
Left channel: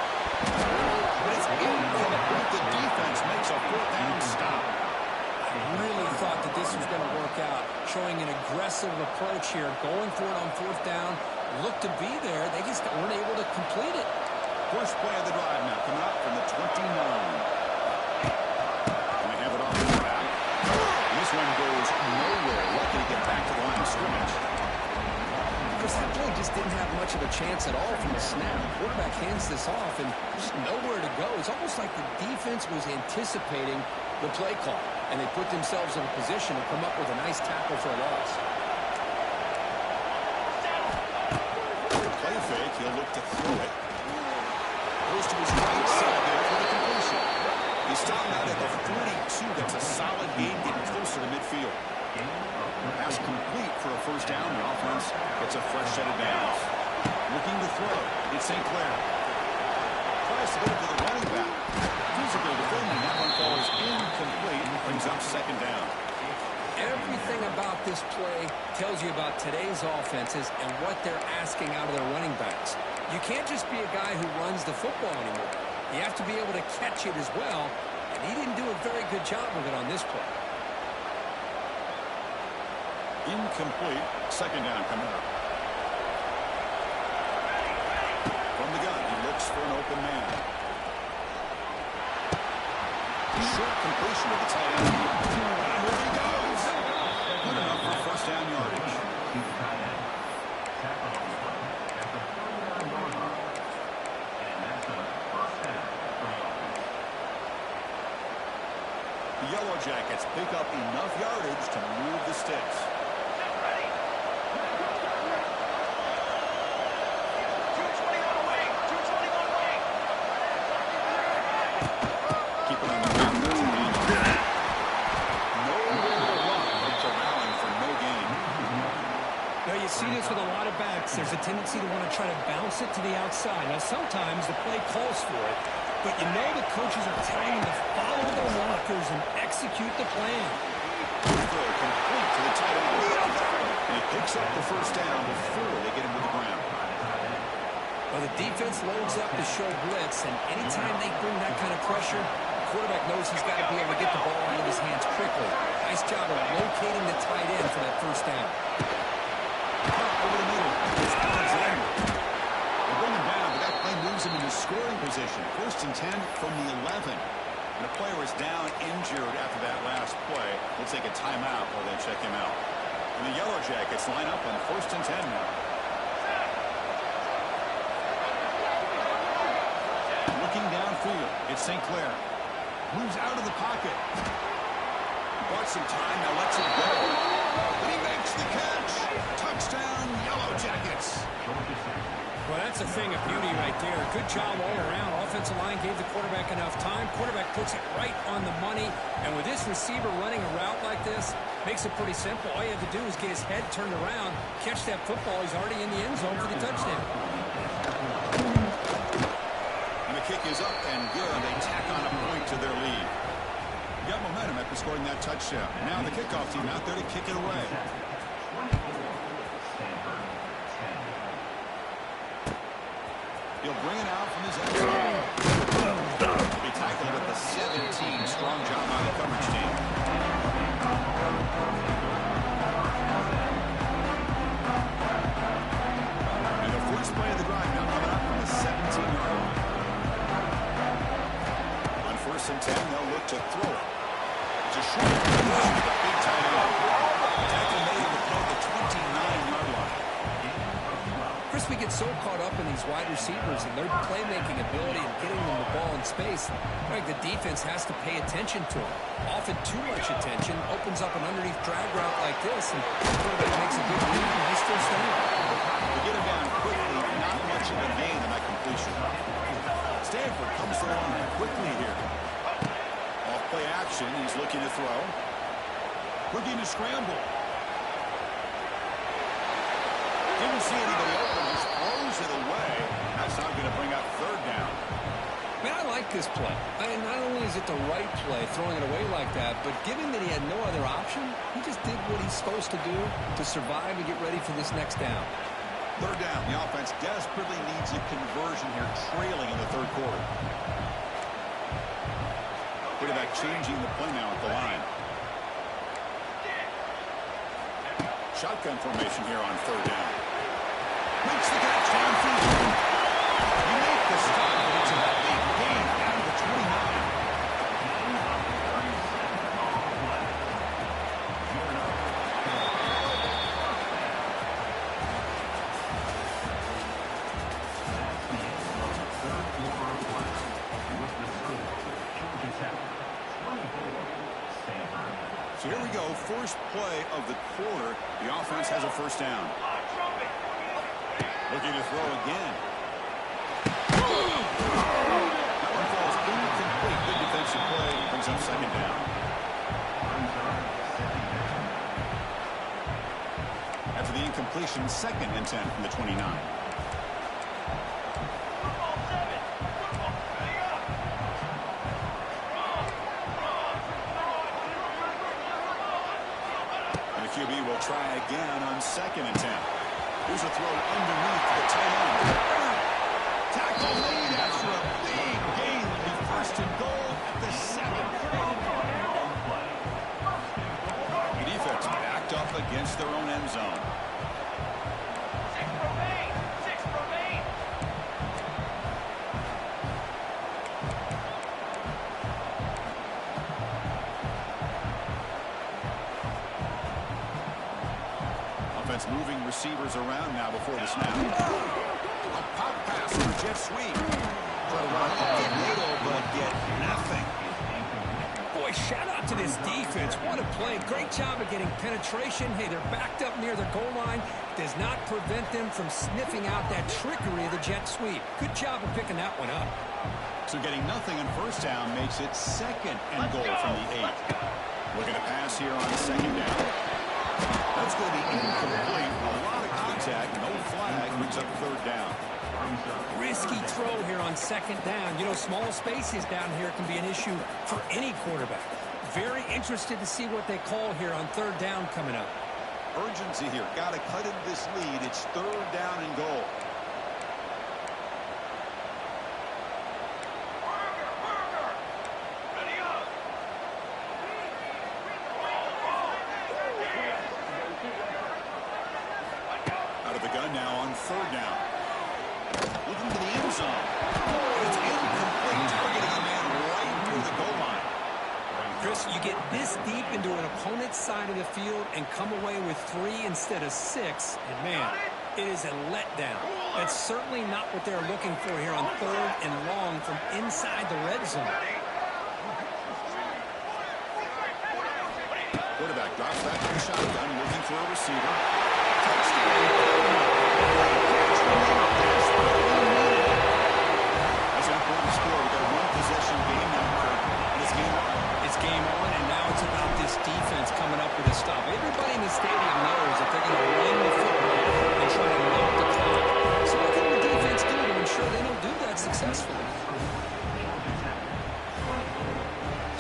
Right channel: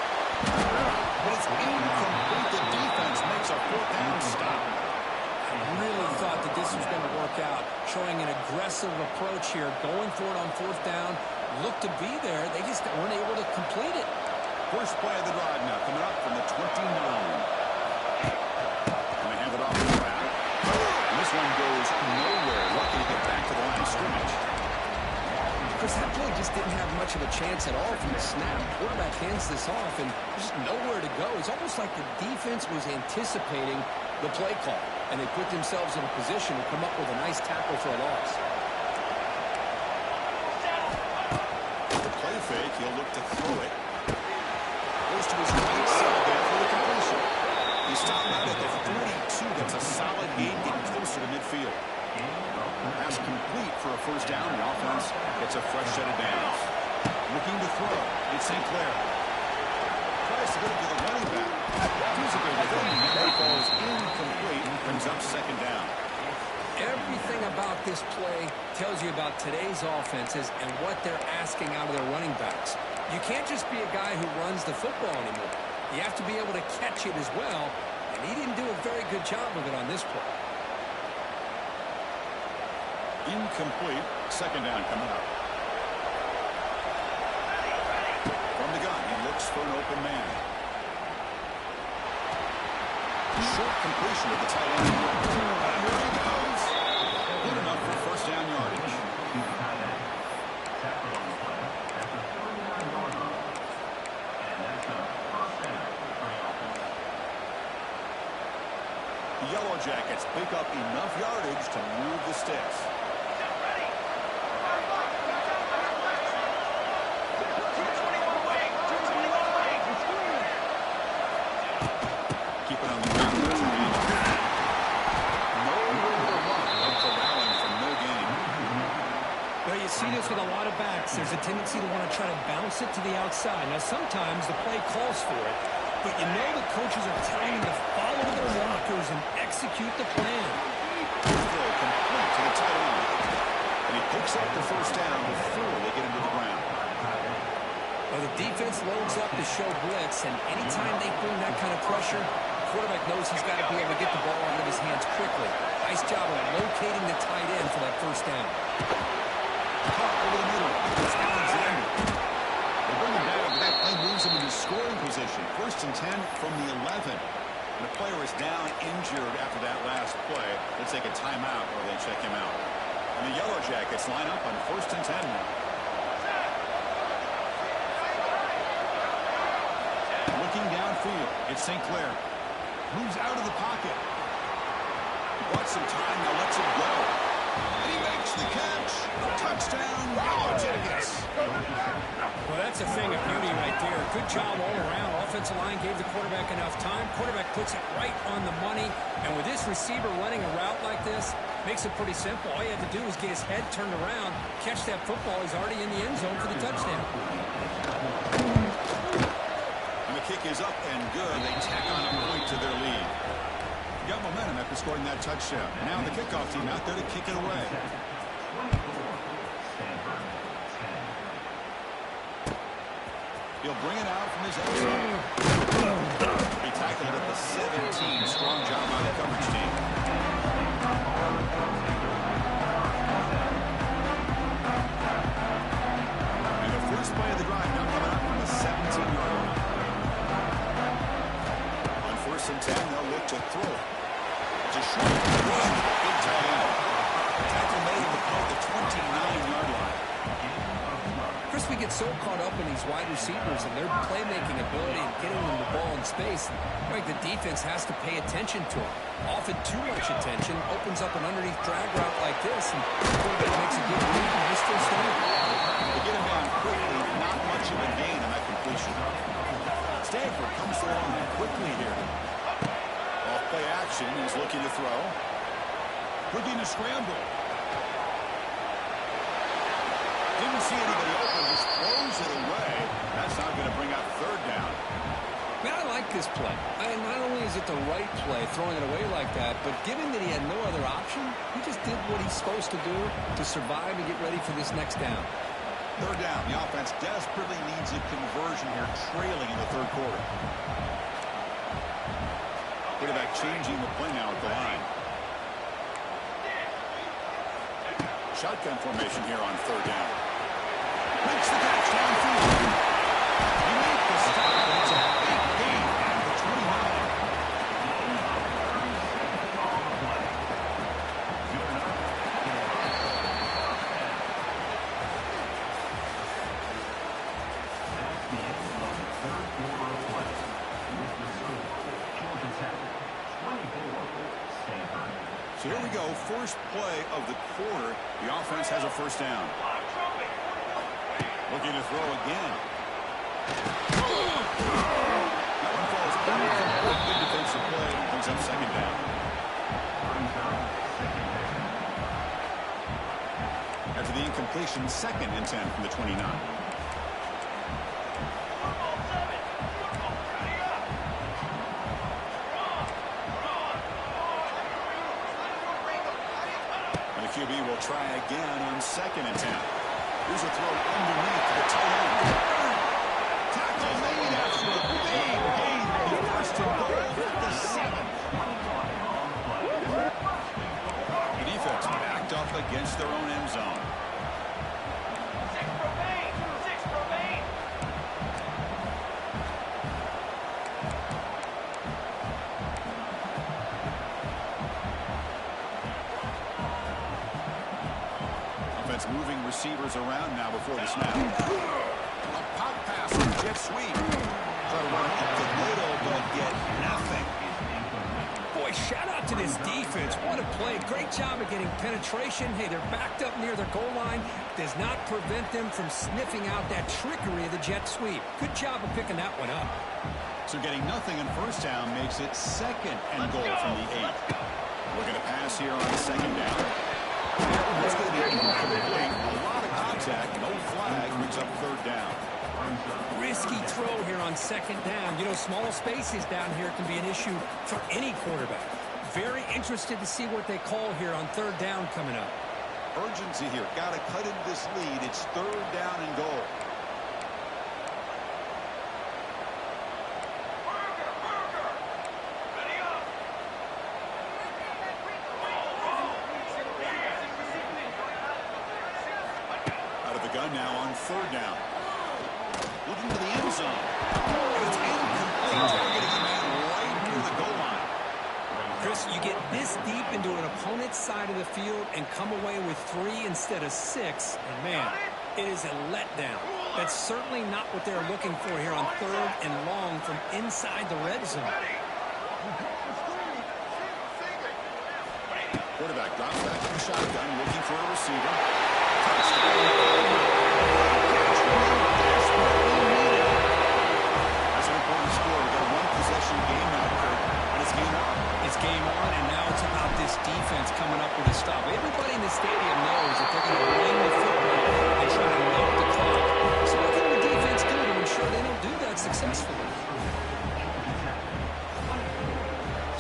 But it's incomplete. The defense makes a fourth down stop. I really thought that this was going to work out, showing an aggressive approach here, going for it on fourth down. Looked to be there. They just weren't able to complete it. First play of the drive now coming up from the 29. And they have it off the track. And this one goes nowhere. Lucky to get back to the line of scrimmage. Chris, that play just didn't have much of a chance at all from the snap. Quarterback hands this off, and there's just nowhere to go. It's almost like the defense was anticipating the play call, and they put themselves in a position to come up with a nice tackle for a loss. The play fake, he'll look to throw it. Goes to his right side there for the completion. He's stopped out at the 42. That's a solid gain, getting closer to midfield. Pass complete for a first down. The offense gets a fresh set of downs. Looking to throw. It's St. Clair. Tries to get it to the running back. Physical defending. That one falls incomplete. Brings up second down. Everything about this play tells you about today's offenses and what they're asking out of their running backs. You can't just be a guy who runs the football anymore. You have to be able to catch it as well, and he didn't do a very good job of it on this play. Incomplete. Second down coming up. From the gun, he looks for an open man. Short completion to the tight end. And here he goes. Good enough for first down yardage. The Yellow Jackets pick up enough yardage to move the sticks. You see this with a lot of backs. There's a tendency to want to try to bounce it to the outside. Now, sometimes the play calls for it, but you know the coaches are telling them to follow their blockers and execute the plan. Throw complete to the tight end. And he picks up the first down before they get him to the ground. Well, the defense loads up to show blitz, and anytime they bring that kind of pressure, the quarterback knows he's got to be able to get the ball out of his hands quickly. Nice job of locating the tight end for that first down. Over the middle. It's Alexander. They bring him down, but that play moves him into scoring position. 1st and 10 from the 11. And a player is down injured after that last play. We'll take a timeout or they check him out. And the Yellow Jackets line up on 1st and 10 now. Looking downfield, it's St. Clair. Moves out of the pocket. Bought some time, now lets it go. And he makes the catch. Touchdown, Yellow Jackets. Well, that's a thing of beauty right there. Good job all around. Offensive line gave the quarterback enough time. Quarterback puts it right on the money. And with this receiver running a route like this, makes it pretty simple. All you have to do is get his head turned around, catch that football. He's already in the end zone for the touchdown. And the kick is up and good. They tack on a point to their lead. Got momentum after scoring that touchdown. Now the kickoff team out there to kick it away. He'll bring it out from his end zone. He'll be tackled at the 17. Strong job by the coverage team. And the first play of the drive now coming up from the 17-yard line. On 1st and 10, they'll look to throw it. It's a short pass to the big tight end. Tackle made on the play at the 29-yard line. Chris, we get so caught up in these wide receivers and their playmaking ability and getting them the ball in space. Like the defense has to pay attention to them. Often too much attention opens up an underneath drag route like this, and the quarterback makes a good read, and they still stand. They get him down quickly, not much of a gain on that completion. Stanford comes to the line quickly here. Off play action, he's looking to throw. Looking to scramble. Didn't see anybody open, just throws it away. That's not going to bring up 3rd down. Man, I like this play. And not only is it the right play, throwing it away like that, but given that he had no other option, he just did what he's supposed to do to survive and get ready for this next down. 3rd down. The offense desperately needs a conversion here, trailing in the 3rd quarter. Quarterback changing the play now at the line. Shotgun formation here on 3rd down. Makes the catch downfield. You make the stop, but it's a big gain out of the 29. That's the end of the 3rd quarter of play. With the score, Georgia Tech 24, Stanford. So here we go, first play of the quarter. The offense has a 1st down. Looking to throw again. That one falls incomplete. Good defensive play. Brings up 2nd down. After the incompletion, 2nd and 10 from the 29. QB will try again on 2nd and 10. Here's a throw underneath the tight end. Tackle made after a big gain. The 1st and goal at the 7. The defense backed up against their own end zone. 6 remain. 6 remain. Offense moving receivers around now before the snap. A pop pass on a jet sweep. Try to run up the middle, but get nothing. Boy, shout out to this defense. What a play. Great job of getting penetration. Hey, they're backed up near their goal line. Does not prevent them from sniffing out that trickery of the jet sweep. Good job of picking that one up. So getting nothing on 1st down makes it 2nd and goal from the 8. Looking to pass here on 2nd down. That's going to be incomplete. A lot of contact. No flag. Brings up 3rd down. Risky throw here on 2nd down. You know, small spaces down here can be an issue for any quarterback. Very interested to see what they call here on 3rd down coming up. Urgency here. Got to cut into this lead. It's 3rd down and goal. Ready up. Out of the gun. shotgun now on third down. Looking to the end zone. And it's incomplete. Targeting a man right near the goal line. Chris, you get this deep into an opponent's side of the field and come away with 3 instead of 6. And, man, it is a letdown. That's certainly not what they're looking for here on third and long from inside the red zone. Quarterback drops back in the shotgun, looking for a receiver. Touchdown. That's an important score. We've got a one-possession game now, Kirk, and it's game on. It's game on, and now it's about this defense coming up with a stop. Everybody in the stadium knows that they're going to run the football and try to milk the clock. So what can the defense do to ensure they don't do that successfully?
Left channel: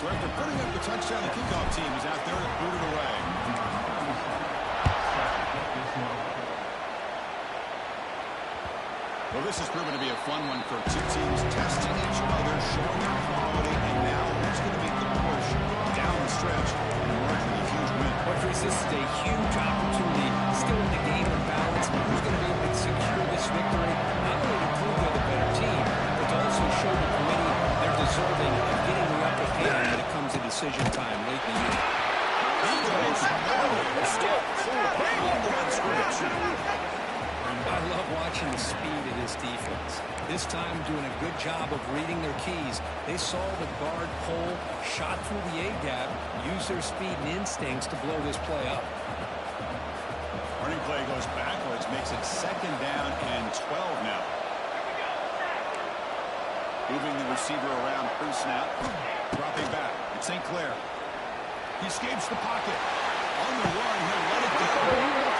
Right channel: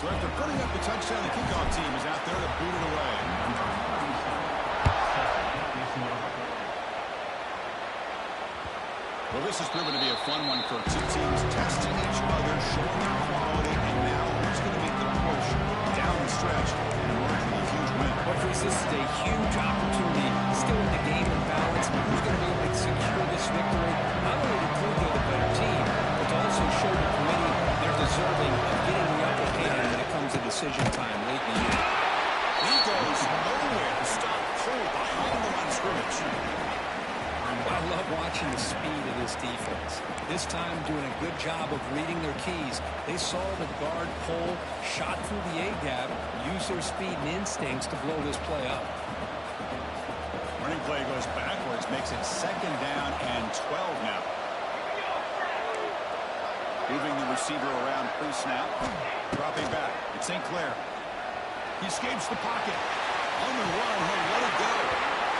So after putting up the touchdown, the kickoff team is out there to boot it away. Well, this has proven to be a fun one for two teams testing each other, showing their quality, and now who's going to make the push down the stretch and emerge with a huge win. Well, Chris, this is a huge opportunity. Still in the game of balance. Who's going to be able to secure this victory? Not only to prove they're the better team, but to also show the committee they're deserving of getting the upper hand when it comes to decision time late in the year. He goes nowhere to start Cole behind the line of scrimmage. I love watching the speed of this defense. This time doing a good job of reading their keys. They saw the guard pull, shot through the A-gap, used their speed and instincts to blow this play up. Running play goes backwards, makes it second down and 12 now. Moving the receiver around pre-snap. Dropping back. It's St. Clair. He escapes the pocket. On the run, he'll let it go.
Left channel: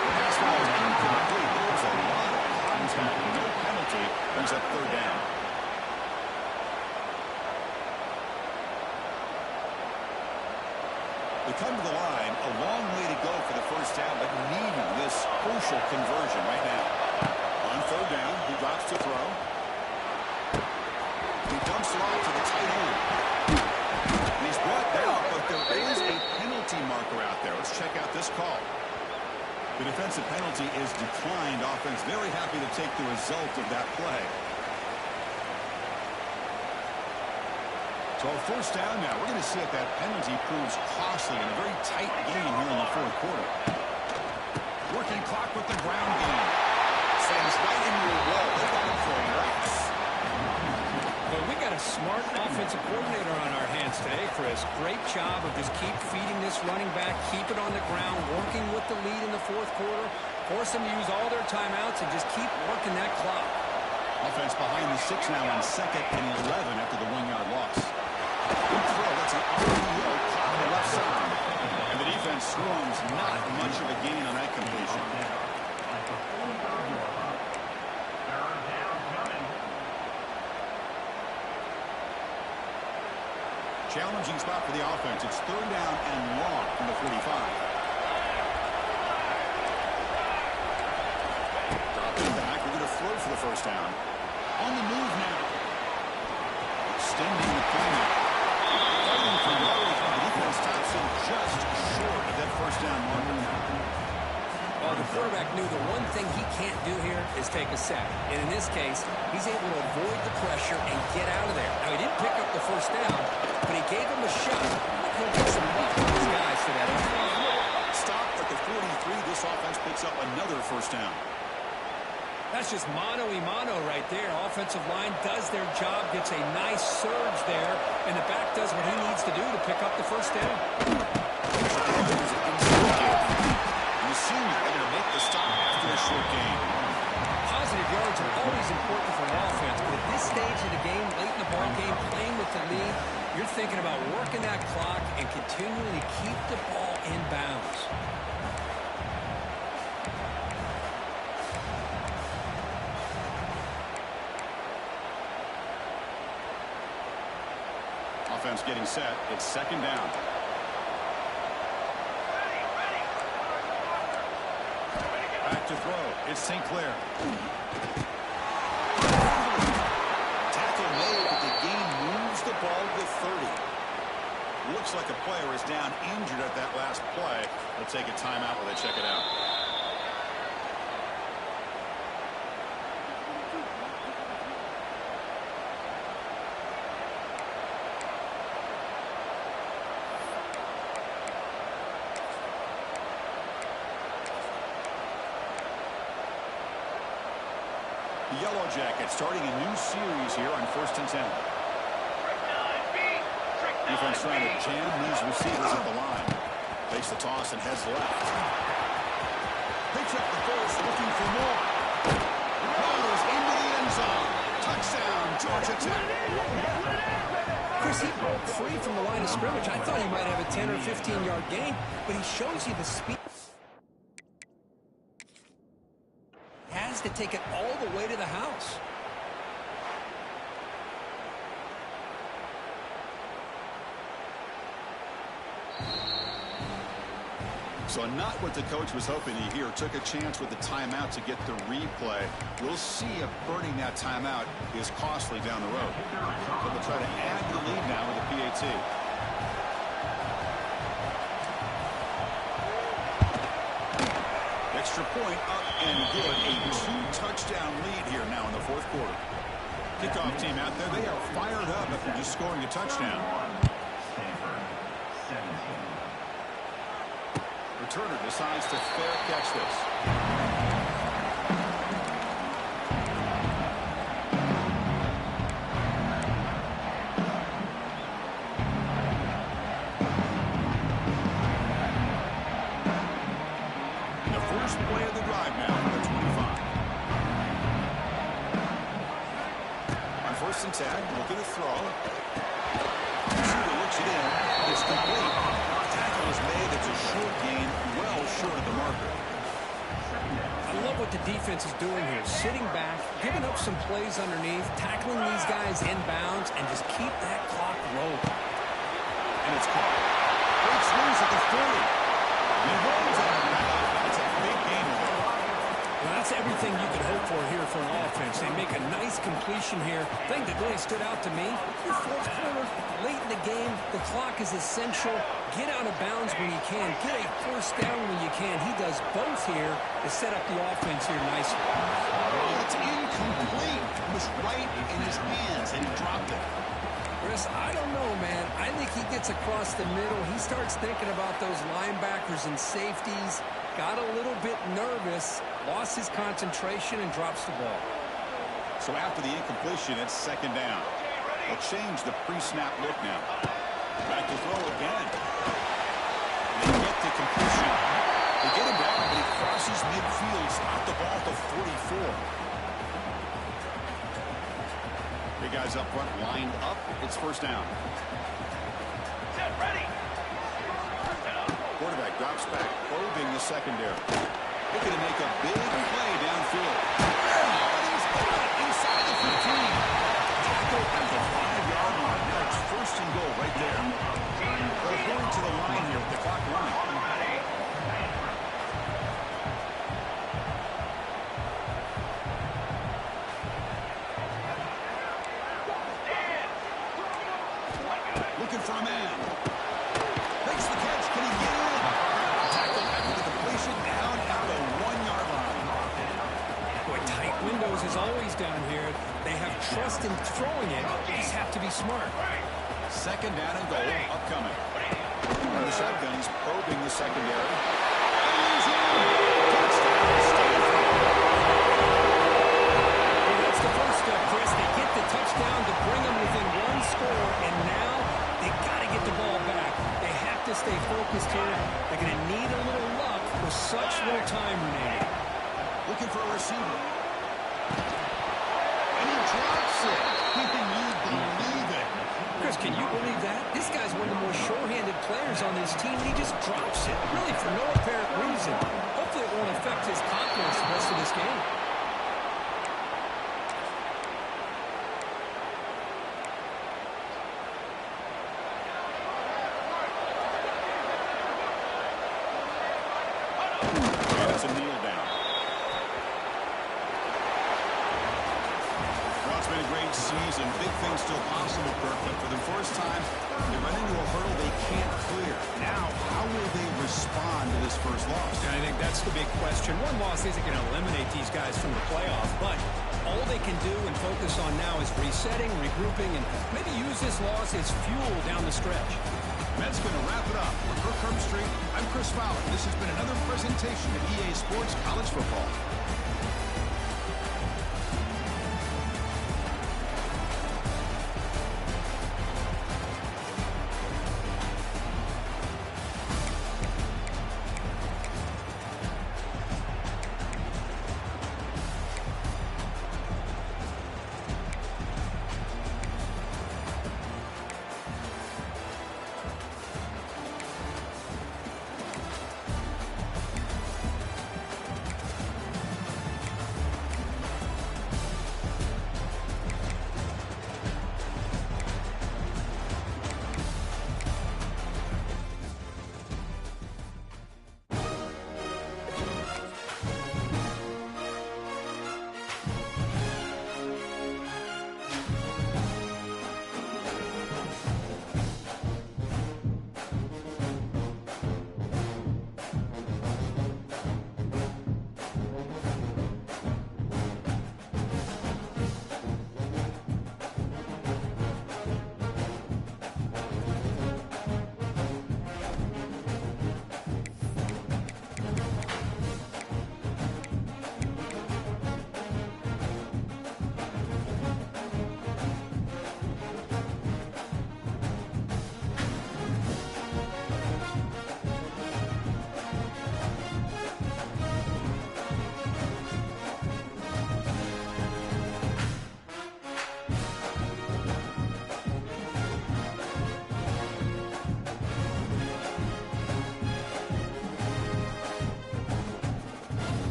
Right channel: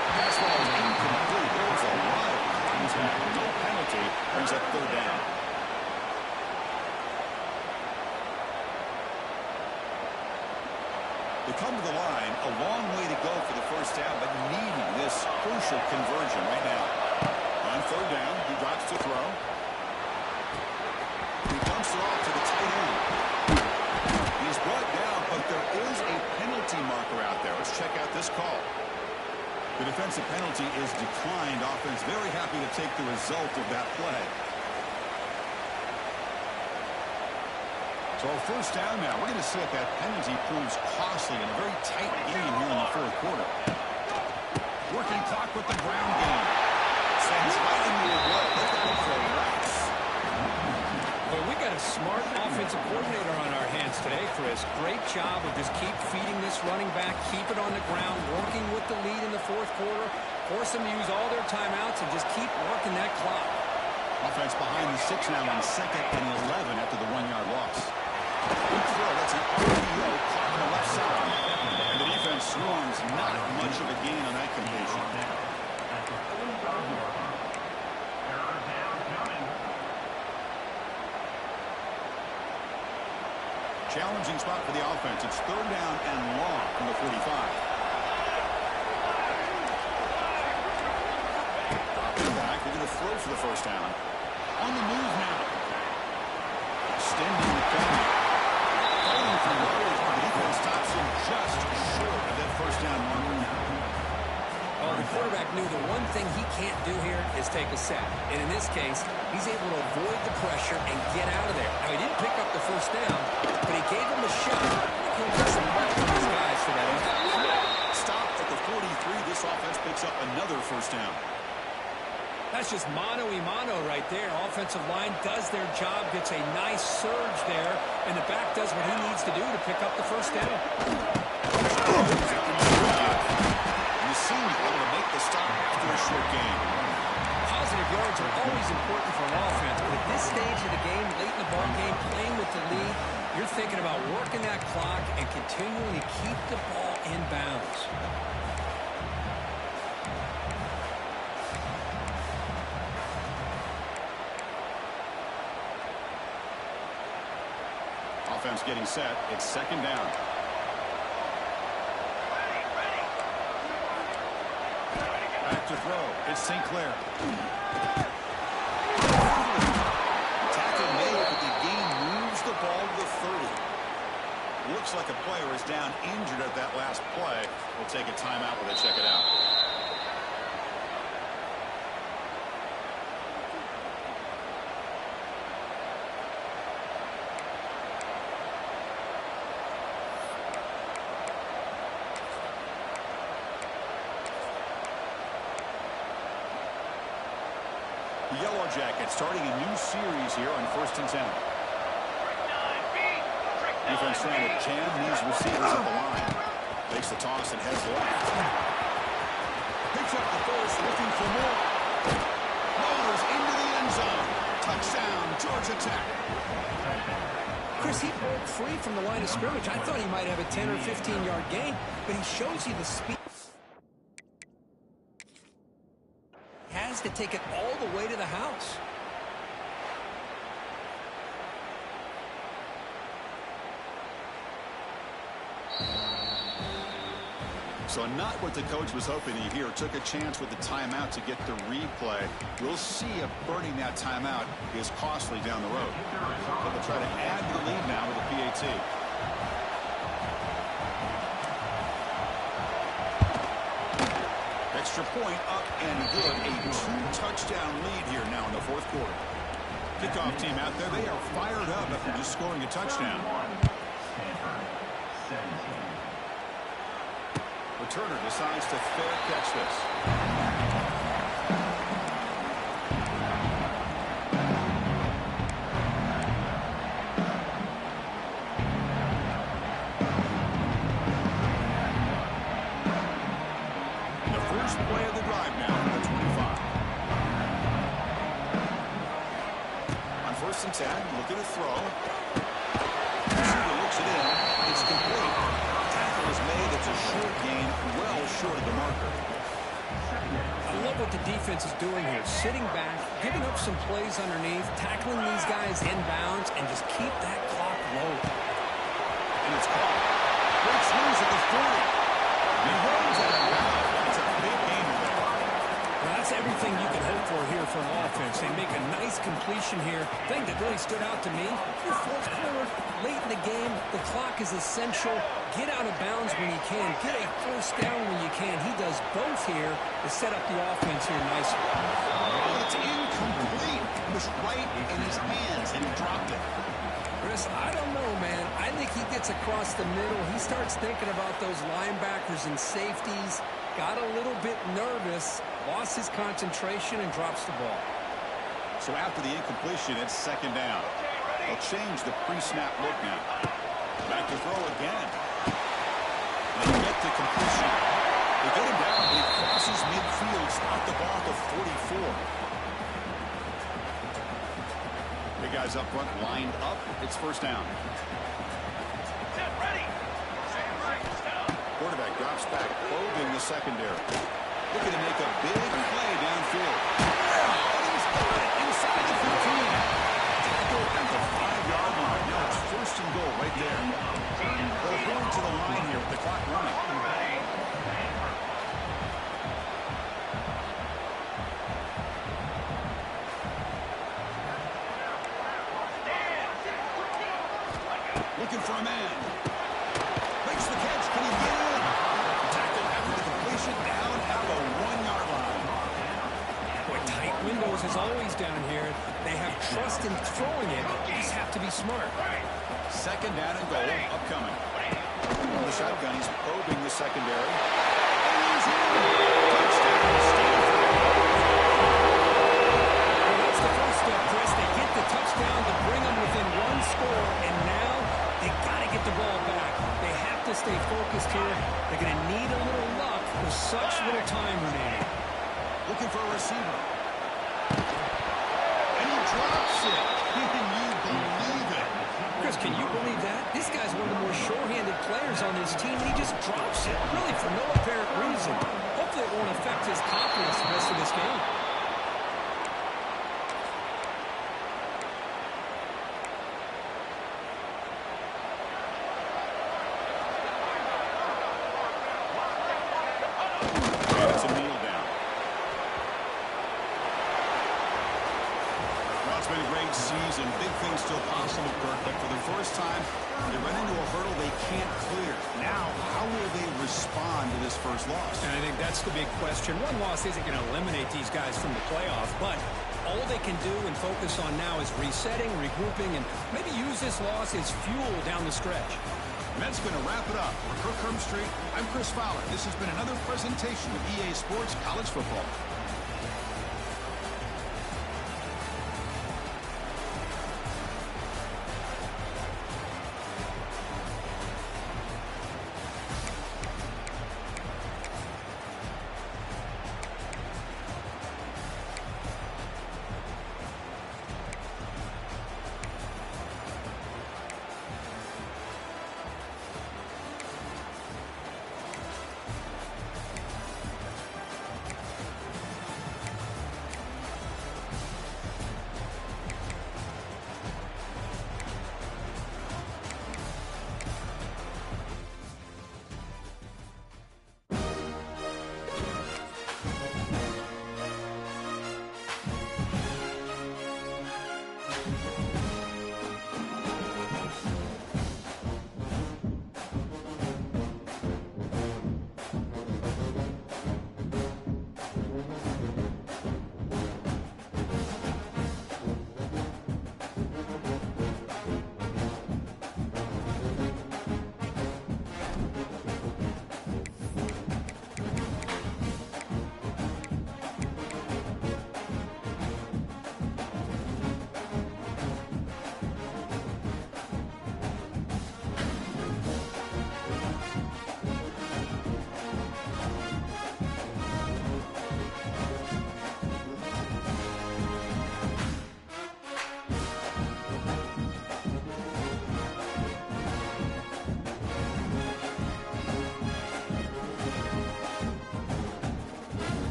The pass ball is incomplete. There's a lot of contact. No penalty. Brings up third down. They come to the line. A long way to go for the first down, but needing this crucial conversion right now. On third down, he drops to throw. He dumps it off to the tight end. And he's brought down, but there is a penalty marker out there. Let's check out this call. The defensive penalty is declined. Offense very happy to take the result of that play. So first down now. We're going to see if that penalty proves costly in a very tight game here in the fourth quarter. Working clock with the ground game. Sends right into a wall. They got him for rocks. Well, we got a smart offensive coordinator on our hands today, Chris. Great job of just keep feeding this running back, keep it on the ground, working with the lead in the fourth quarter, force them to use all their timeouts, and just keep working that clock. Offense behind the 6 now on 2nd and 11 after the 1-yard loss. Good throw. That's an RPO caught on the left side. And the defense swarms. Not much of a gain on that completion. Challenging spot for the offense. It's third down and long from the 45. Dropping back. They're going to throw for the first down. On the move now. Extending the play now. Fighting for yardage, but the defense stops him just short of that first down marker now. Well, the quarterback knew the one thing he can't do here is take a sack. And in this case, he's able to avoid the pressure and get out of there. Now, he didn't pick up the first down, but he gave him a shot. He'll get some help from his guys for that effort. Stop at the 43. This offense picks up another first down. That's just mano-a-mano right there. Offensive line does their job, gets a nice surge there, and the back does what he needs to do to pick up the first down. The senior able to make the stop after a short gain. Positive yards are always important for an offense, but at this stage of the game, late in the ball game, playing with the lead, you're thinking about working that clock and continuing to keep the ball in bounds. Offense getting set. It's second down. Back to throw. It's St. Clair. Tackle made, but the gain moves the ball to the 30. Looks like a player is down injured at that last play. We'll take a timeout while they check it out. The Yellow Jackets starting a new series here on 1st and 10. Defense trying to jam these receivers at the line. Takes the toss and heads left. Picks up the first, looking for more. Motors into the end zone. Touchdown, Georgia Tech. Chris, he broke free from the line of scrimmage. I thought he might have a 10 or 15-yard gain, but he shows you the speed. Has to take it all the way to the house. So not what the coach was hoping to hear. Took a chance with the timeout to get the replay. We'll see if burning that timeout is costly down the road. So they'll try to add to the lead now with the PAT. Extra point up and good. A 2-touchdown lead here now in the 4th quarter. Kickoff team out there. They are fired up after just scoring a touchdown. Stanford, 17. Returner decides to fair catch this. The first play of the drive now for the 25. On 1st and 10, looking to throw. Receiver looks it in. It's complete. Tackle is made. It's a short gain, well short of the marker. I love what the defense is doing here. Sitting back, giving up some plays underneath, tackling these guys inbounds, and just keep that clock low. And it's caught. Breaks loose at the 40. And holds out of bounds. That's a big gain there. Well, that's everything you could hope for here for an offense. They make a nice completion here. Thing that really stood out to me, your 4th quarter, late in the game, the clock is essential. Get out of bounds when you can. Get a first down when you can. He does both here to set up the offense here nicely. Oh, it's incomplete. It was right in his hands, and he dropped it. Chris, I don't know, man. I think he gets across the middle. He starts thinking about those linebackers and safeties. Got a little bit nervous, lost his concentration, and drops the ball. So after the incompletion, it's 2nd down. They'll change the pre-snap look now. Back to throw again. They get the completion. They get him down, but he crosses midfield, stopped the ball to 44. Big guys up front lined up. It's 1st down. Set, ready. Quarterback drops back, probing the secondary. Looking to make a big play downfield. Oh, he's got it inside the 15. Tackle at the 5-yard line. Now it's 1st and goal right there. They're going to the line here with the clock running. Looking for a man. Makes the catch. Can he get in? Tackle after the completion down at the 1-yard line. Boy, tight windows is always down here. They have trust in throwing it. They just have to be smart. 2nd down and goal upcoming. From the shotgun, he's probing the secondary. And he's in. Touchdown, Stanford. Well, that's the first step, Chris. They get the touchdown to bring them within 1 score, and now they got to get the ball back. They have to stay focused here. They're going to need a little luck with such little time remaining. Looking for a receiver. And he drops it. Can you believe it? Chris, can you believe that? This guy's one of the more sure-handed players on this team, and he just drops it, really for no apparent reason. Hopefully it won't affect his confidence the rest of this game. And it's a kneel down. Well, it's been a great season. Big things still possible, Kirk, but for the first time, they run into a hurdle they can't clear. Now, how will they respond to this first loss? And I think that's the big question. One loss isn't going to eliminate these guys from the playoff, but all they can do and focus on now is resetting, regrouping, and maybe use this loss as fuel down the stretch. And that's going to wrap it up. For Kirk Herbstreit, I'm Chris Fowler. This has been another presentation of EA Sports College Football.